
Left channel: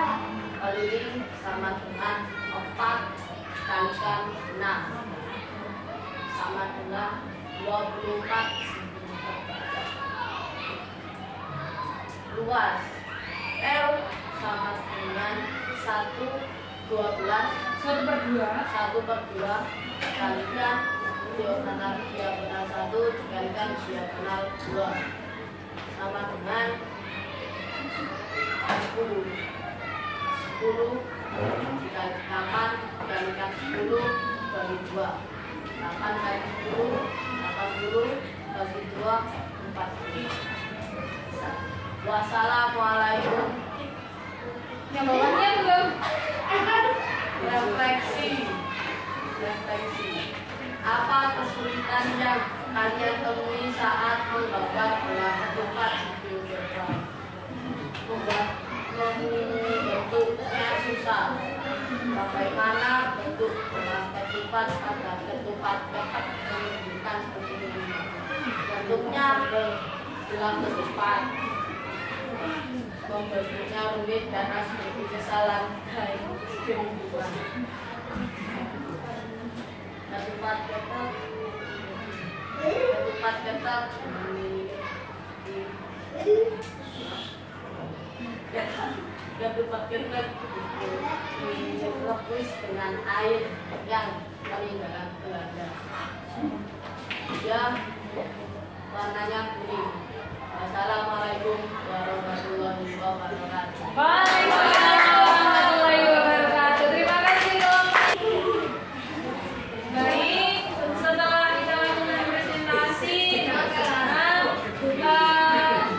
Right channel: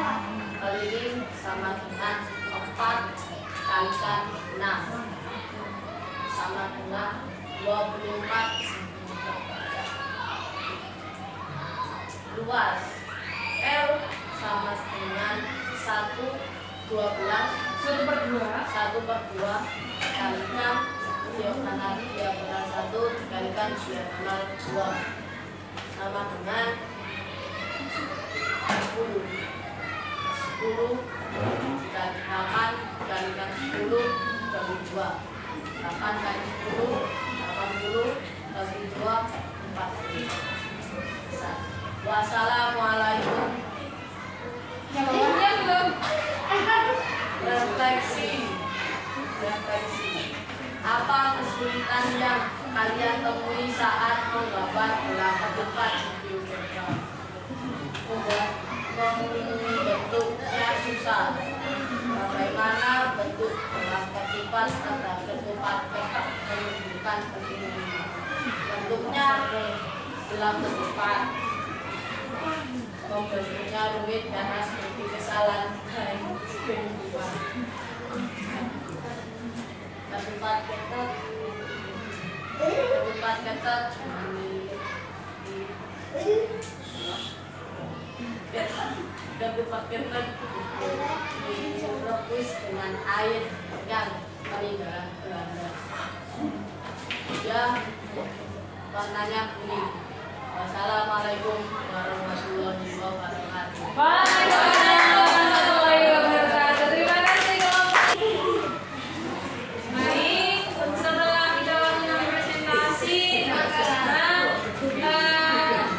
Keliling sama dengan 4 kalikan 6 sama dengan 24 cm. Luas L sama dengan 1/12 kalikan diagonal 1 dikalikan diagonal 2 sama dengan 10 dikali 8 dikalikan 10 bagi 2 8 kali 10 80 bagi 2 40. Wassalamualaikum. Yang bawahnya belum. Refleksi. Apa kesulitan yang kalian temui saat menggambar belah ketupat GeoGebra? Membentuknya susah. Bagaimana bentuk belah ketupat pada ketupat tetap menunjukkan pentingnya. Bentuknya belah ketupat. Membentuknya rumit karena seperti kesalahan kehidupan. Ketupat ketat direbus dengan air yang peninggalan Belanda. Ya, warnanya kuning. Wassalamualaikum warahmatullahi wabarakatuh. Waalaikumsalam warahmatullahi wabarakatuh. Terima kasih dong. Baik, setelah kita lakukan presentasi, sekarang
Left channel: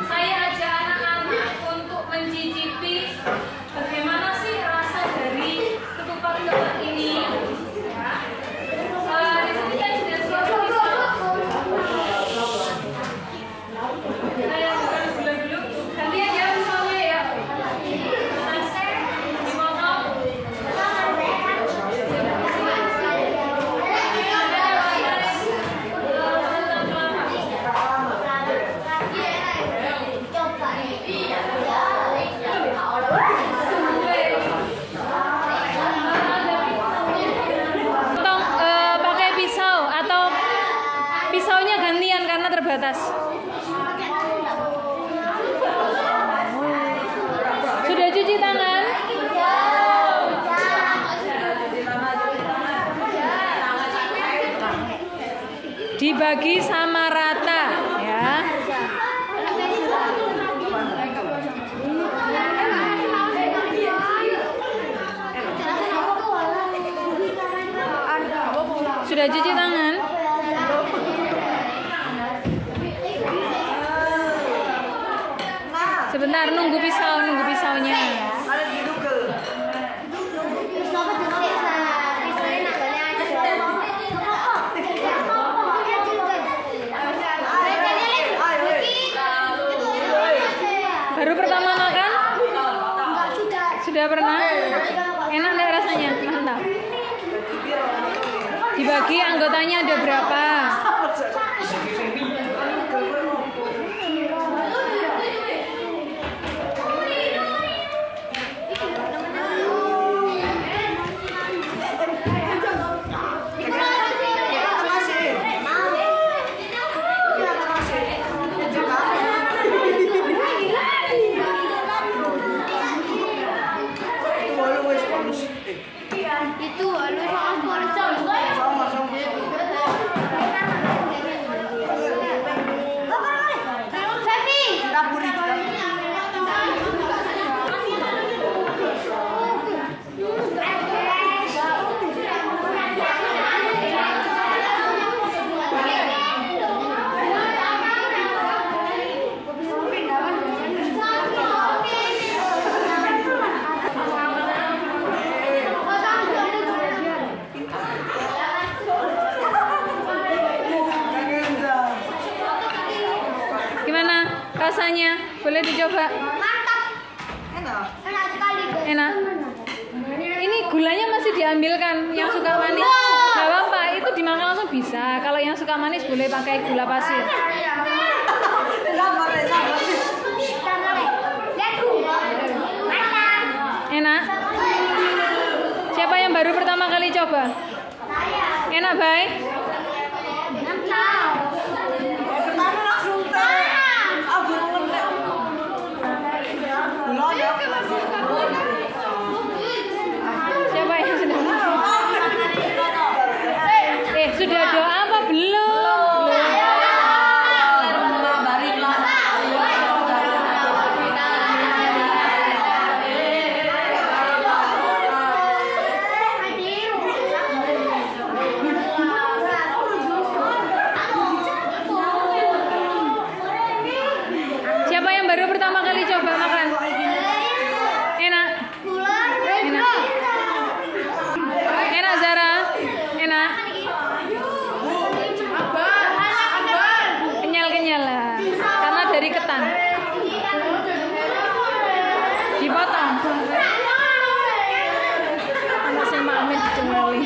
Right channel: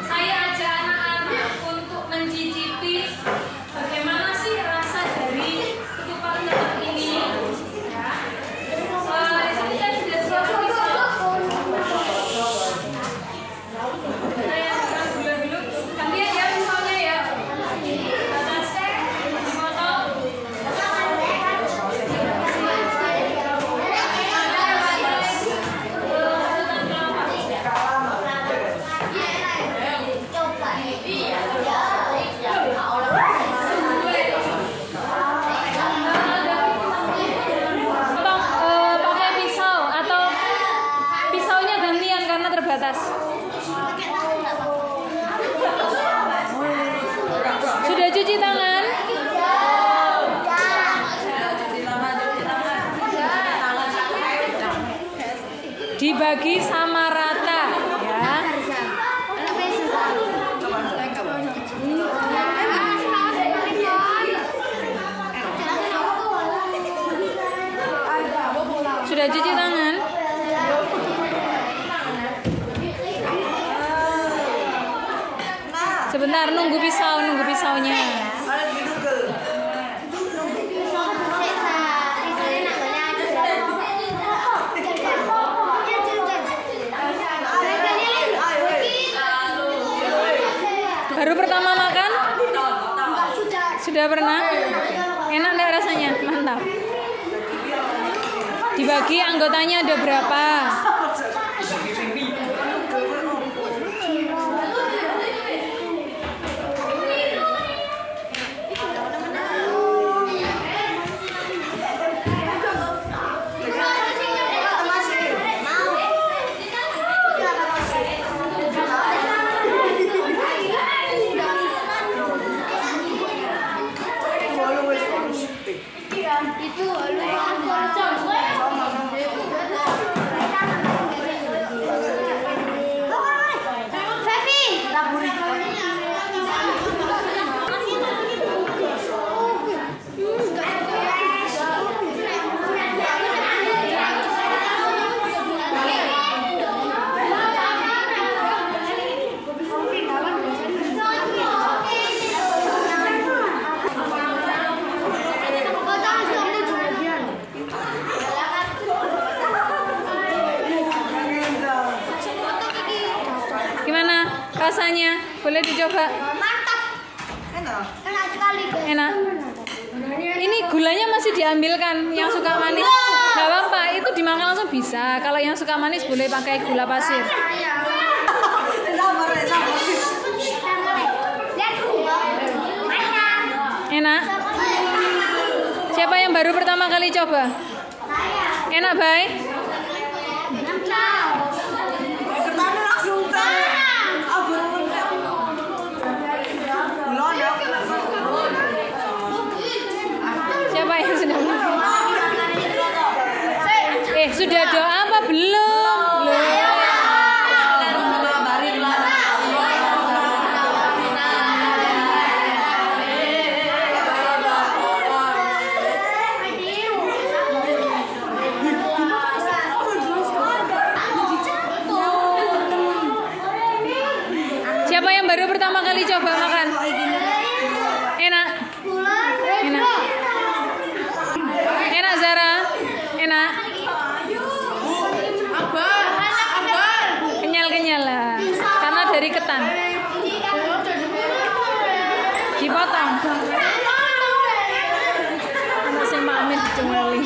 saya ajak anak-anak untuk mencicipi bagaimana sih rasa dari ketupat ketan ini. Ya. Di sini kan sudah siap pisau. Saya bukan dulu. Gantian ya pisaunya ya. Batas dipotong. Pakai pisau atau pisaunya gantian karena terbatas. Sudah cuci tangan? Dibagi sama rata ya. Sudah cuci tangan? Sebentar, nunggu pisaunya. Baru pertama makan? Sudah pernah? Enak nggak rasanya? Mantap. Dibagi anggotanya ada berapa? itu lu Gimana rasanya? Boleh dicoba? mantap. Enak sekali. Enak. Ini gulanya masih diambilkan. Yang suka manis nggak apa-apa, itu dimakan langsung bisa. Kalau yang suka manis boleh pakai gula pasir. Enak. Siapa yang baru pertama kali coba? Enak, baik. Siapa yang sedang? Sudah doa apa belum? Siapa yang baru pertama kali coba makan? Enak. Enak. Enak, Zara. Enak. Kenyal-kenyal lah. Karena dari ketan. Dipotong. Anak saya Amin dicemeli.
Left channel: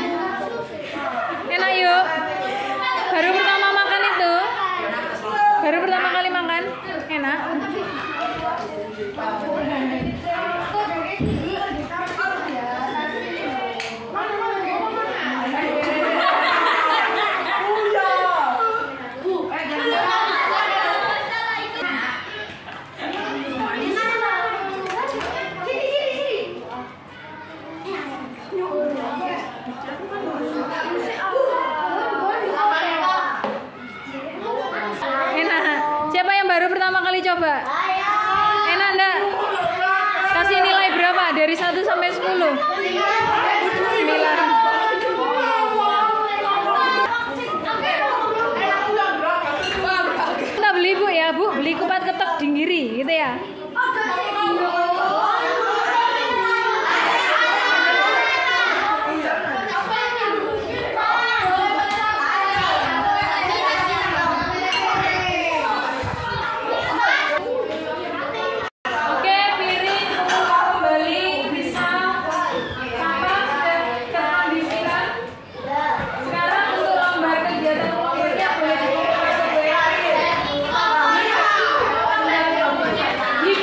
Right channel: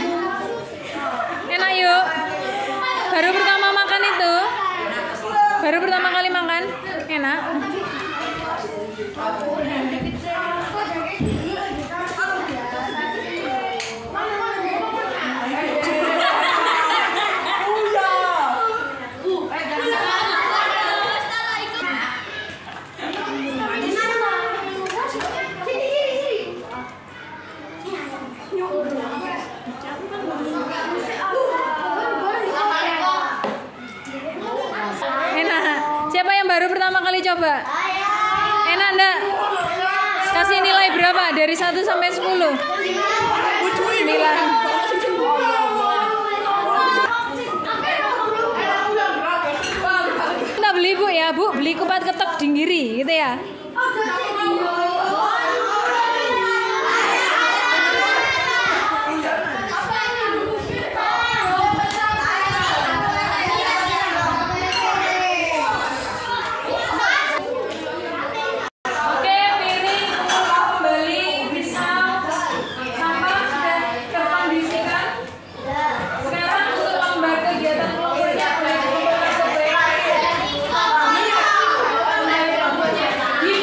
Enak yuk. Baru pertama makan itu. Baru pertama kali makan. Enak. Enak. Siapa yang baru pertama kali coba? Enak enggak? Kasih nilai berapa? Dari 1 sampai 10? 9. Kita beli Bu ya, Bu. Beli kupat ketok dinggiri gitu ya. Di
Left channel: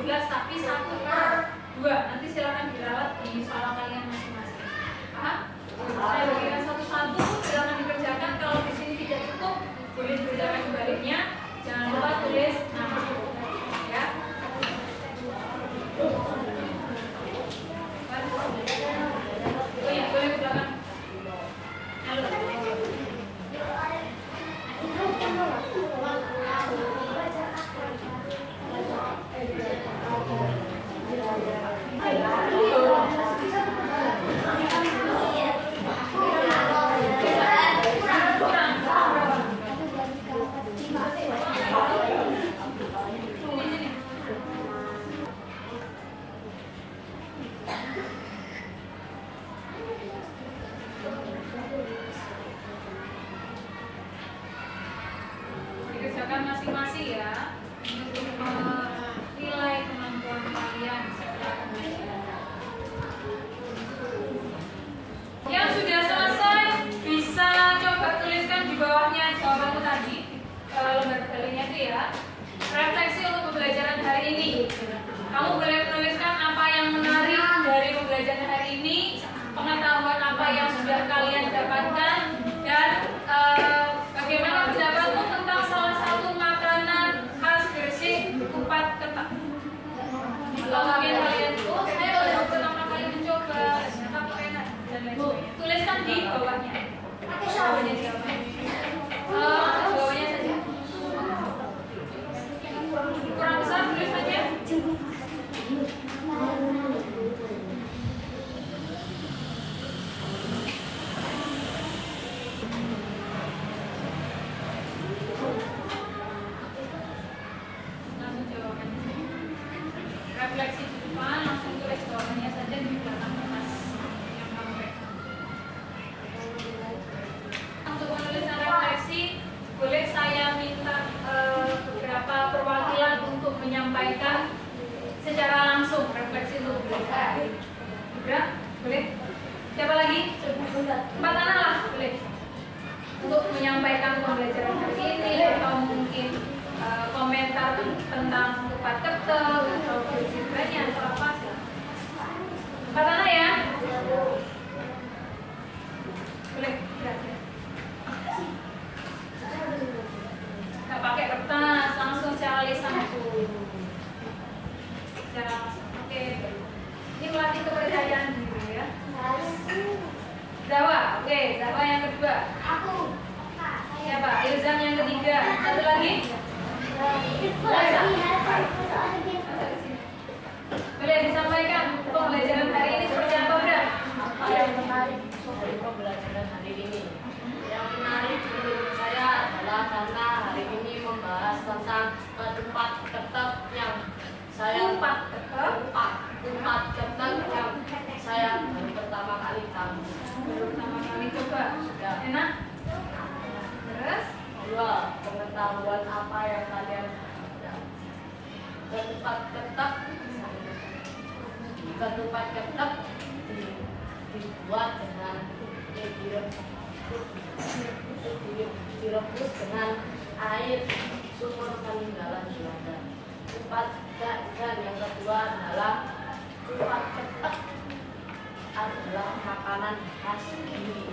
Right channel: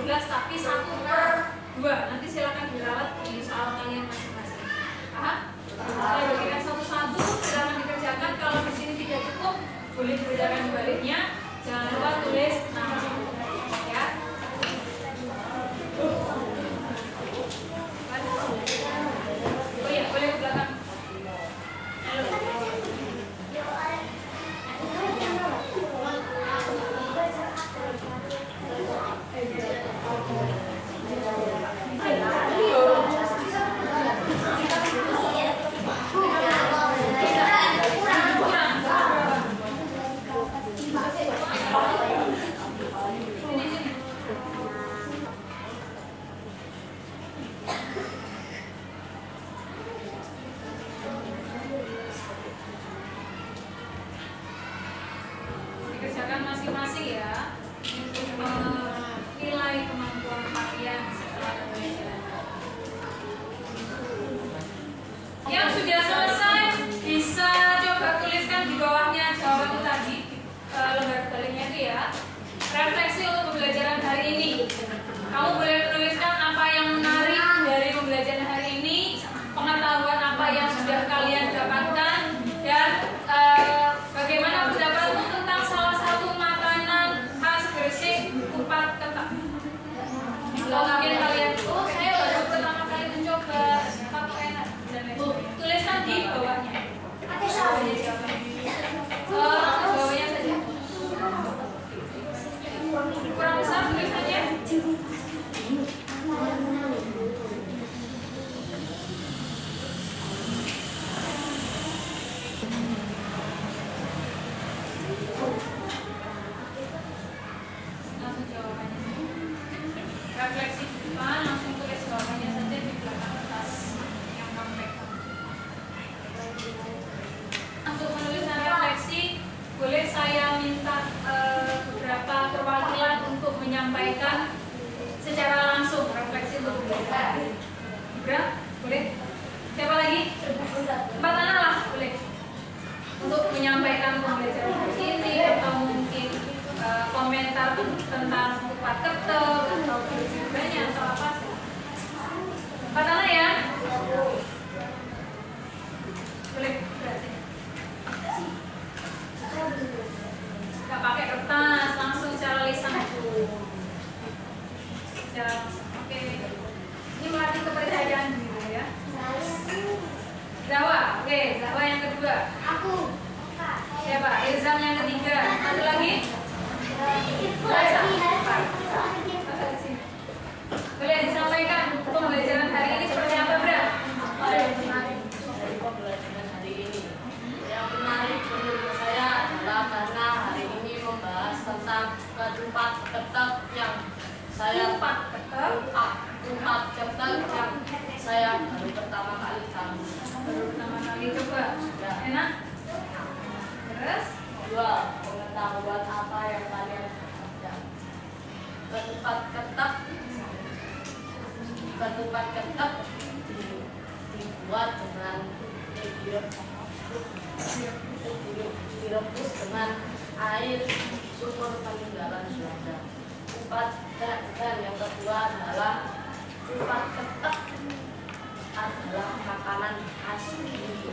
12 tapi 1/2. Nanti silakan dirawat di soal kalian masing-masing. Paham? Saya bagikan satu-satu, silakan dikerjakan. Kalau di sini tidak cukup, boleh dikerjakan sebaliknya. Jangan lupa tulis nama ya. Oh ya, boleh ke belakang. Halo. Dikerjakan masing-masing ya. Nilai kemampuan kalian setelah belajar. Yang sudah selesai bisa coba tuliskan di bawahnya jawabanmu tadi, lembar dalilnya itu ya. Refleksi untuk pembelajaran hari ini. Kamu boleh menuliskan apa yang menarik dari pembelajaran hari ini, pengetahuan apa yang sudah kalian dapatkan, dan bagaimana pendapatmu tentang salah satu makanan khas Gresik, kupat ketak. Kalau mungkin kalian, oh saya baru pertama kali mencoba, apa enak dan lain sebagainya. Tuliskan di bawahnya. Bawahnya jawaban. Bawahnya saja. Kurang besar tulisannya. Langsung jawabannya. Refleksi di depan, langsung tulis jawabannya saja di belakang kertas yang kamu pegang. Untuk menuliskan refleksi, boleh saya minta beberapa perwakilan untuk menyampaikan secara langsung refleksi untuk belajar. Ibra, boleh? Siapa lagi? Mbak Nana lah, boleh. Untuk menyampaikan pembelajaran hari ini atau mungkin komentar tentang kupat ketel atau videonya atau apa. Mbak Nana ya? Boleh. Gak pakai kertas, langsung secara lisan. Oke. Ini melatih kepercayaan dulu ya. Zawa, oke, Zawa yang kedua. Aku. Siapa? Ilzam yang ketiga. Satu lagi? Boleh disampaikan pembelajaran hari ini seperti apa, Bra? Apa yang menarik dari pembelajaran hari ini? Yang menarik menurut saya adalah karena hari ini membahas tentang ketupat ketek yang saya Kupat ketek yang saya baru pertama kali tahu. baru pertama kali coba. Enak? Terus? Dua, pengetahuan apa yang kalian dapatkan? Ketupat ketek dibuat dengan direbus dengan air sumur peninggalan Belanda. Dan yang kedua adalah kupat ketek adalah makanan khas ini.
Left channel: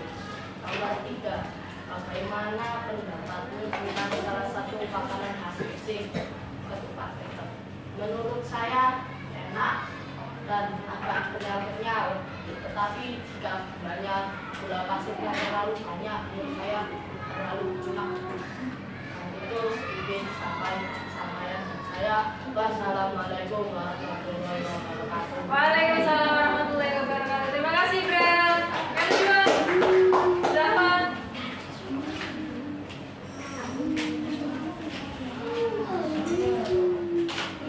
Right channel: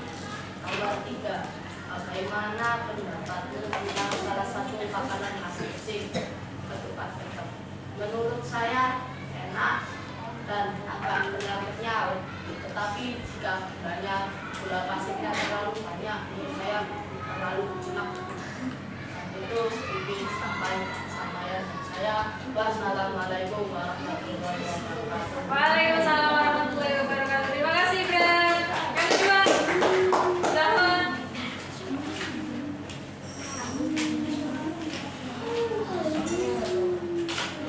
Nomor 3, bagaimana pendapatmu tentang salah satu makanan khas Gresik, ketupat ketek? Menurut saya enak dan agak kenyal-kenyal, tetapi jika gula pasirnya terlalu banyak, menurut saya terlalu enak. Dan itu ingin sampaikan saya. Wassalamualaikum warahmatullahi wabarakatuh. Waalaikumsalam warahmatullahi wabarakatuh. Terima kasih, Bra. Yang kedua, Zawa.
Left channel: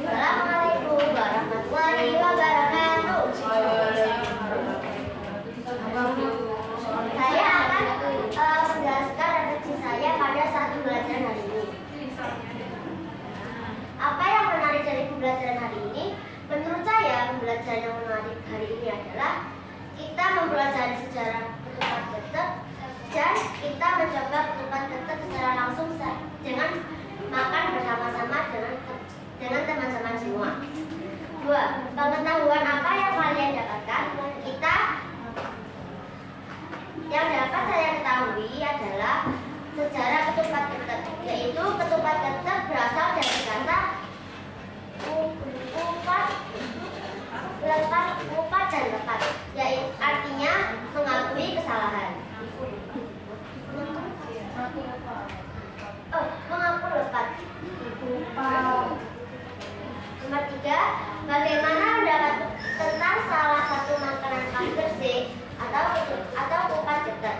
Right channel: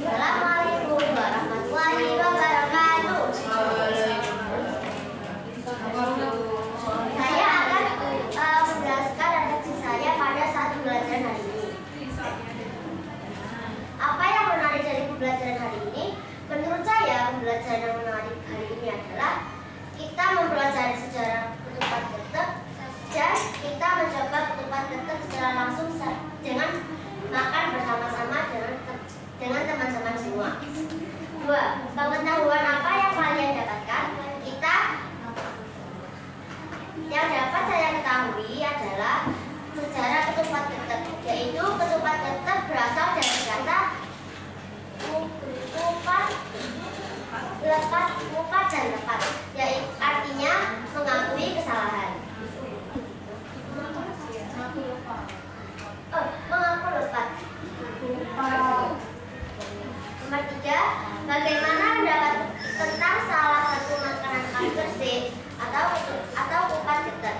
Assalamualaikum warahmatullahi wabarakatuh. Saya akan menjelaskan refleksi saya pada saat pembelajaran hari ini. Apa yang menarik dari pembelajaran hari ini? Menurut saya, pembelajaran yang menarik hari ini adalah kita mempelajari sejarah ketupat ketek dan kita mencoba ketupat ketek secara langsung dengan makan bersama-sama dengan teman-teman semua. 2. Pengetahuan apa yang kalian dapatkan? Yang dapat saya ketahui adalah sejarah ketupat ketek, yaitu ketupat ketek berasal dari kata kupat dan lepat, yaitu artinya mengakui kesalahan. Mengaku lepat. Nomor 3, bagaimana pendapat tentang salah satu makanan khas Gresik atau kupat ketek?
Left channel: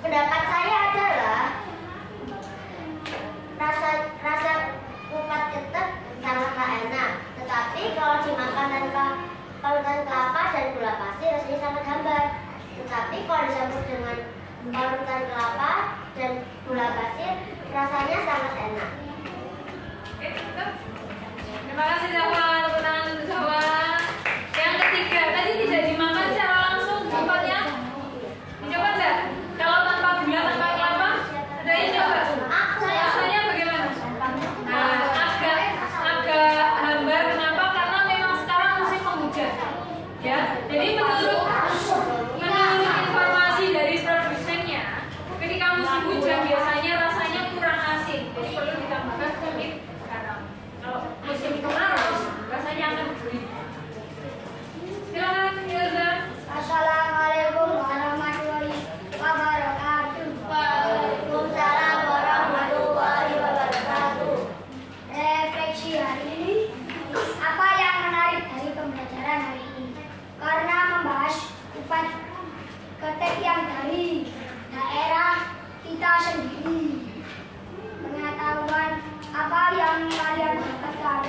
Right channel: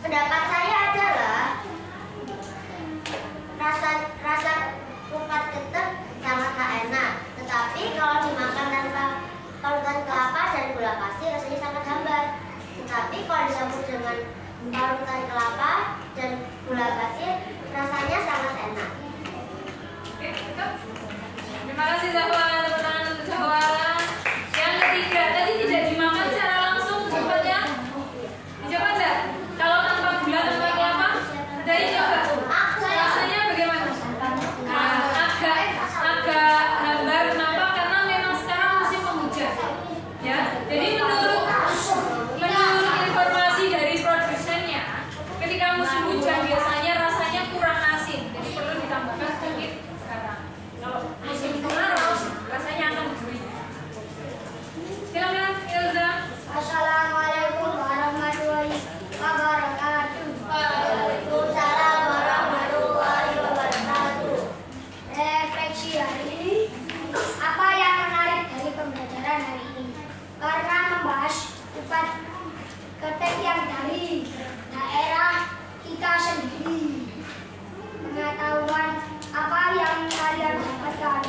Pendapat saya adalah rasa kupat ketek sangatlah enak, tetapi kalau dimakan tanpa parutan kelapa dan gula pasir rasanya sangat hambar. Tetapi kalau dicampur dengan parutan kelapa dan gula pasir rasanya sangat enak. Oke, cukup. Terima kasih Zahwa, tepuk tangan untuk Zahwa. Yang ketiga, tadi tidak dimakan secara langsung kupatnya. Dicoba enggak? Kalau tanpa gula, tanpa kelapa, ada ini coba. Rasanya bagaimana? Nah, agak hambar. Kenapa? Karena memang sekarang musim penghujan. Ya, jadi menurut informasi dari produsennya, ketika musim hujan biasanya rasanya kurang asin. Jadi perlu ditambahkan sedikit garam. Kalau musim kemarau rasanya akan gurih. Silakan Ilza. Assalamualaikum warahmatullahi wabarakatuh. Waalaikumsalam warahmatullahi wabarakatuh. Refleksi hari ini, apa yang menarik dari pembelajaran hari ini? Karena membahas kupat ketek yang dari daerah kita sendiri. Pengetahuan apa yang kalian dapatkan?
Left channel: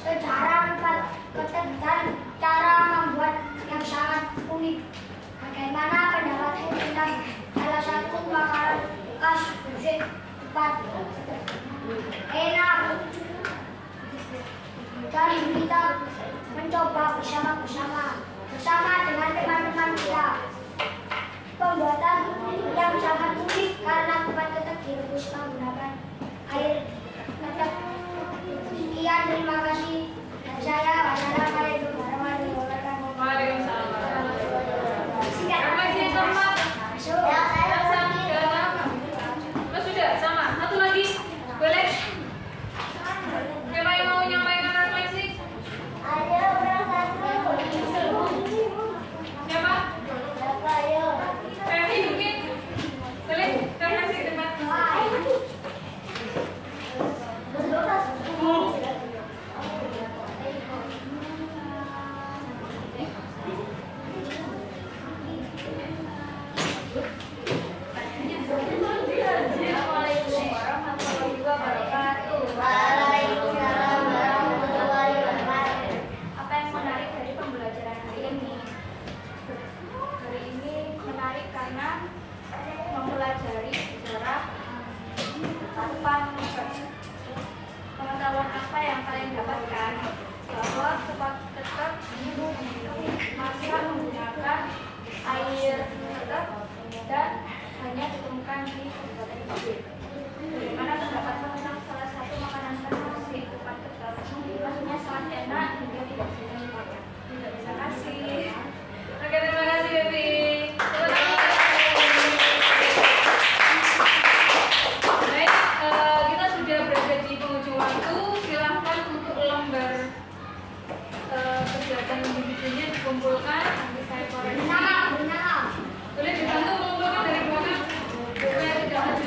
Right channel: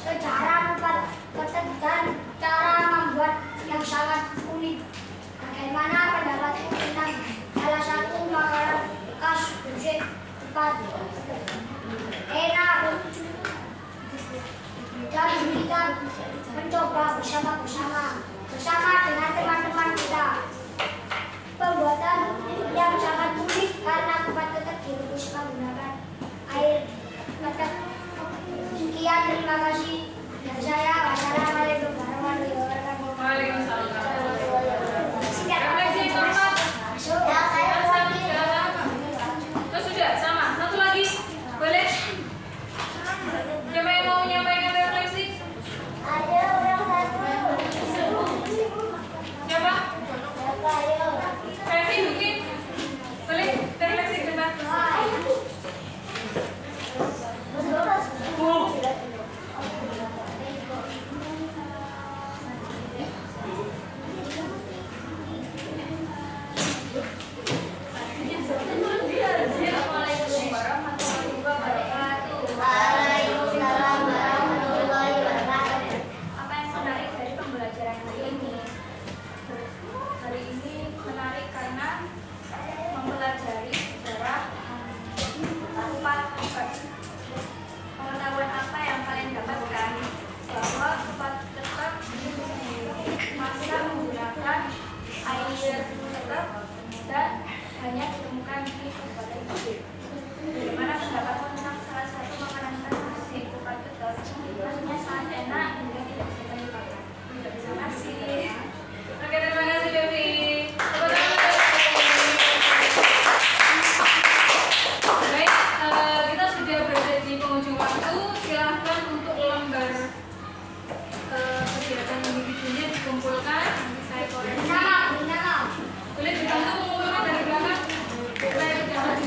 Sejarah kupat ketek dan cara membuat yang sangat unik. Bagaimana pendapatmu tentang salah satu makanan khas Gresik, kupat ketek? Enak dan kita mencoba bersama dengan teman-teman kita. Pembuatan yang sangat unik karena kupat ketek direbus menggunakan air ketek. Sekian, terima kasih dari saya. Wassalamualaikum warahmatullahi wabarakatuh. Waalaikumsalam warahmatullahi wabarakatuh. Refleksi yang keempat. Ya, saya Sudah sama. Satu lagi. Boleh? Siapa yang mau menyampaikan refleksi? ada orang satu. Siapa? Ayo. Femi mungkin? Boleh? Refleksi tempat. Assalamualaikum warahmatullahi wabarakatuh. Waalaikumsalam warahmatullahi wabarakatuh. Apa yang menarik dari pembelajaran hari ini? Hari ini menarik karena mempelajari sejarah kupat ketek. Pengetahuan apa yang kalian dapatkan? Bahwa kupat ketek dimasak menggunakan air ketek dan hanya ditemukan di Kabupaten Gresik. Bagaimana pendapatmu tentang salah satu makanan khas Gresik, kupat ketek? Rasanya sangat enak hingga tidak bisa dilupakan. Terima kasih. Oke, terima kasih Femi. Baik, kita sudah berada di penghujung waktu. Silahkan untuk lembar kegiatan individunya dikumpulkan. Nanti saya koreksi. Boleh dibantu mengumpulkan dari belakang. Saya tidak maju.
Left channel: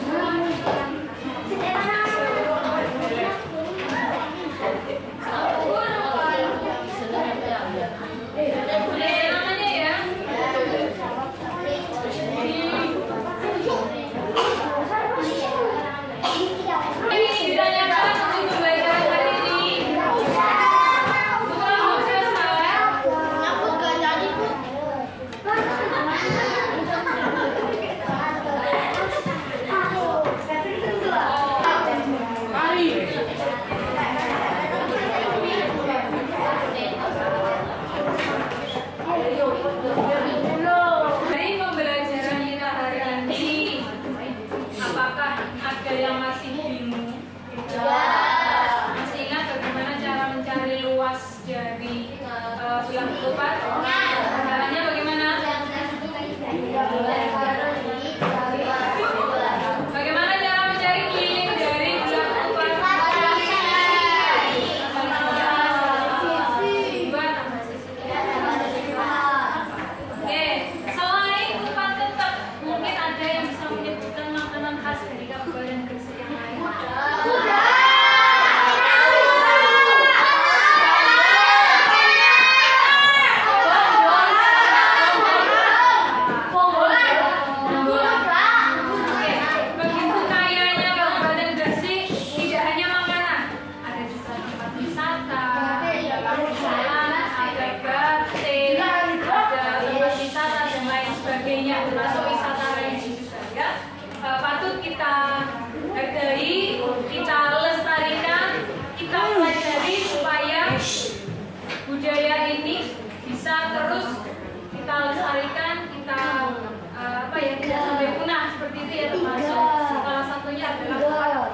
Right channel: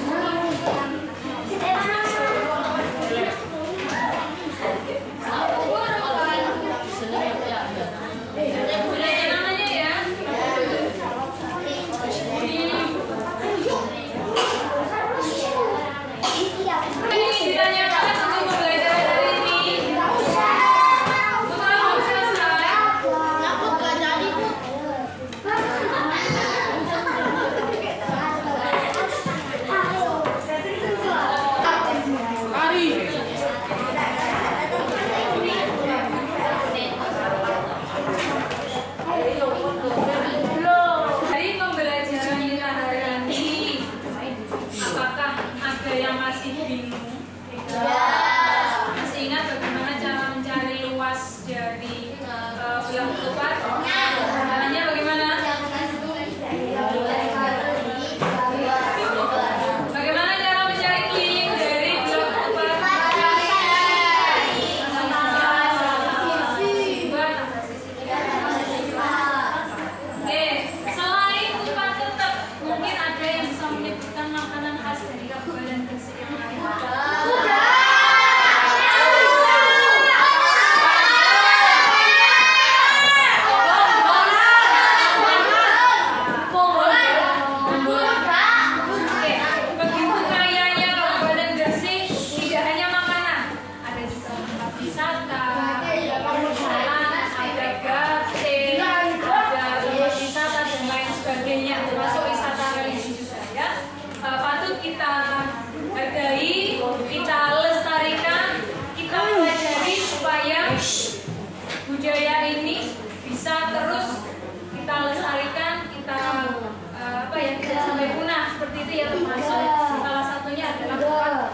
itu ya termasuk salah satunya adalah Tuhan.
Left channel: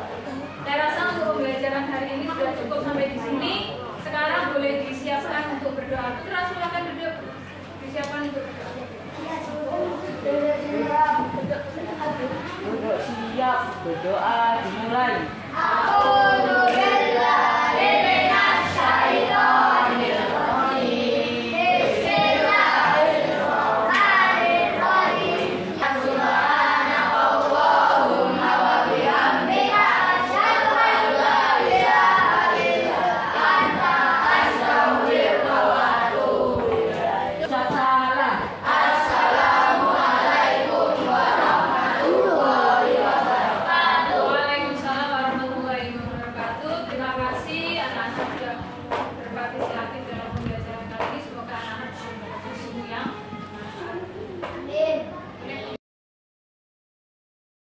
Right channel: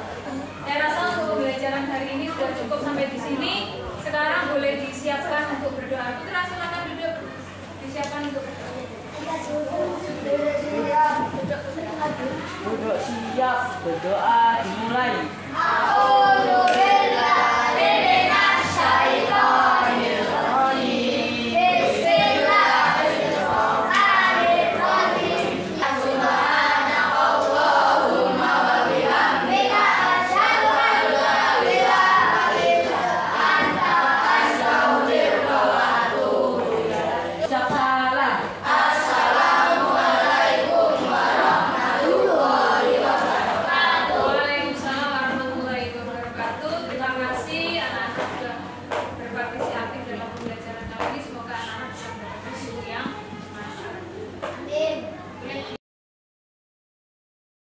Saya rasa untuk pembelajaran hari ini sudah cukup sampai di sini. Sekarang boleh disiapkan untuk berdoa. Putra silakan duduk. Disiapkan untuk berdoa. Duduk siap berdoa.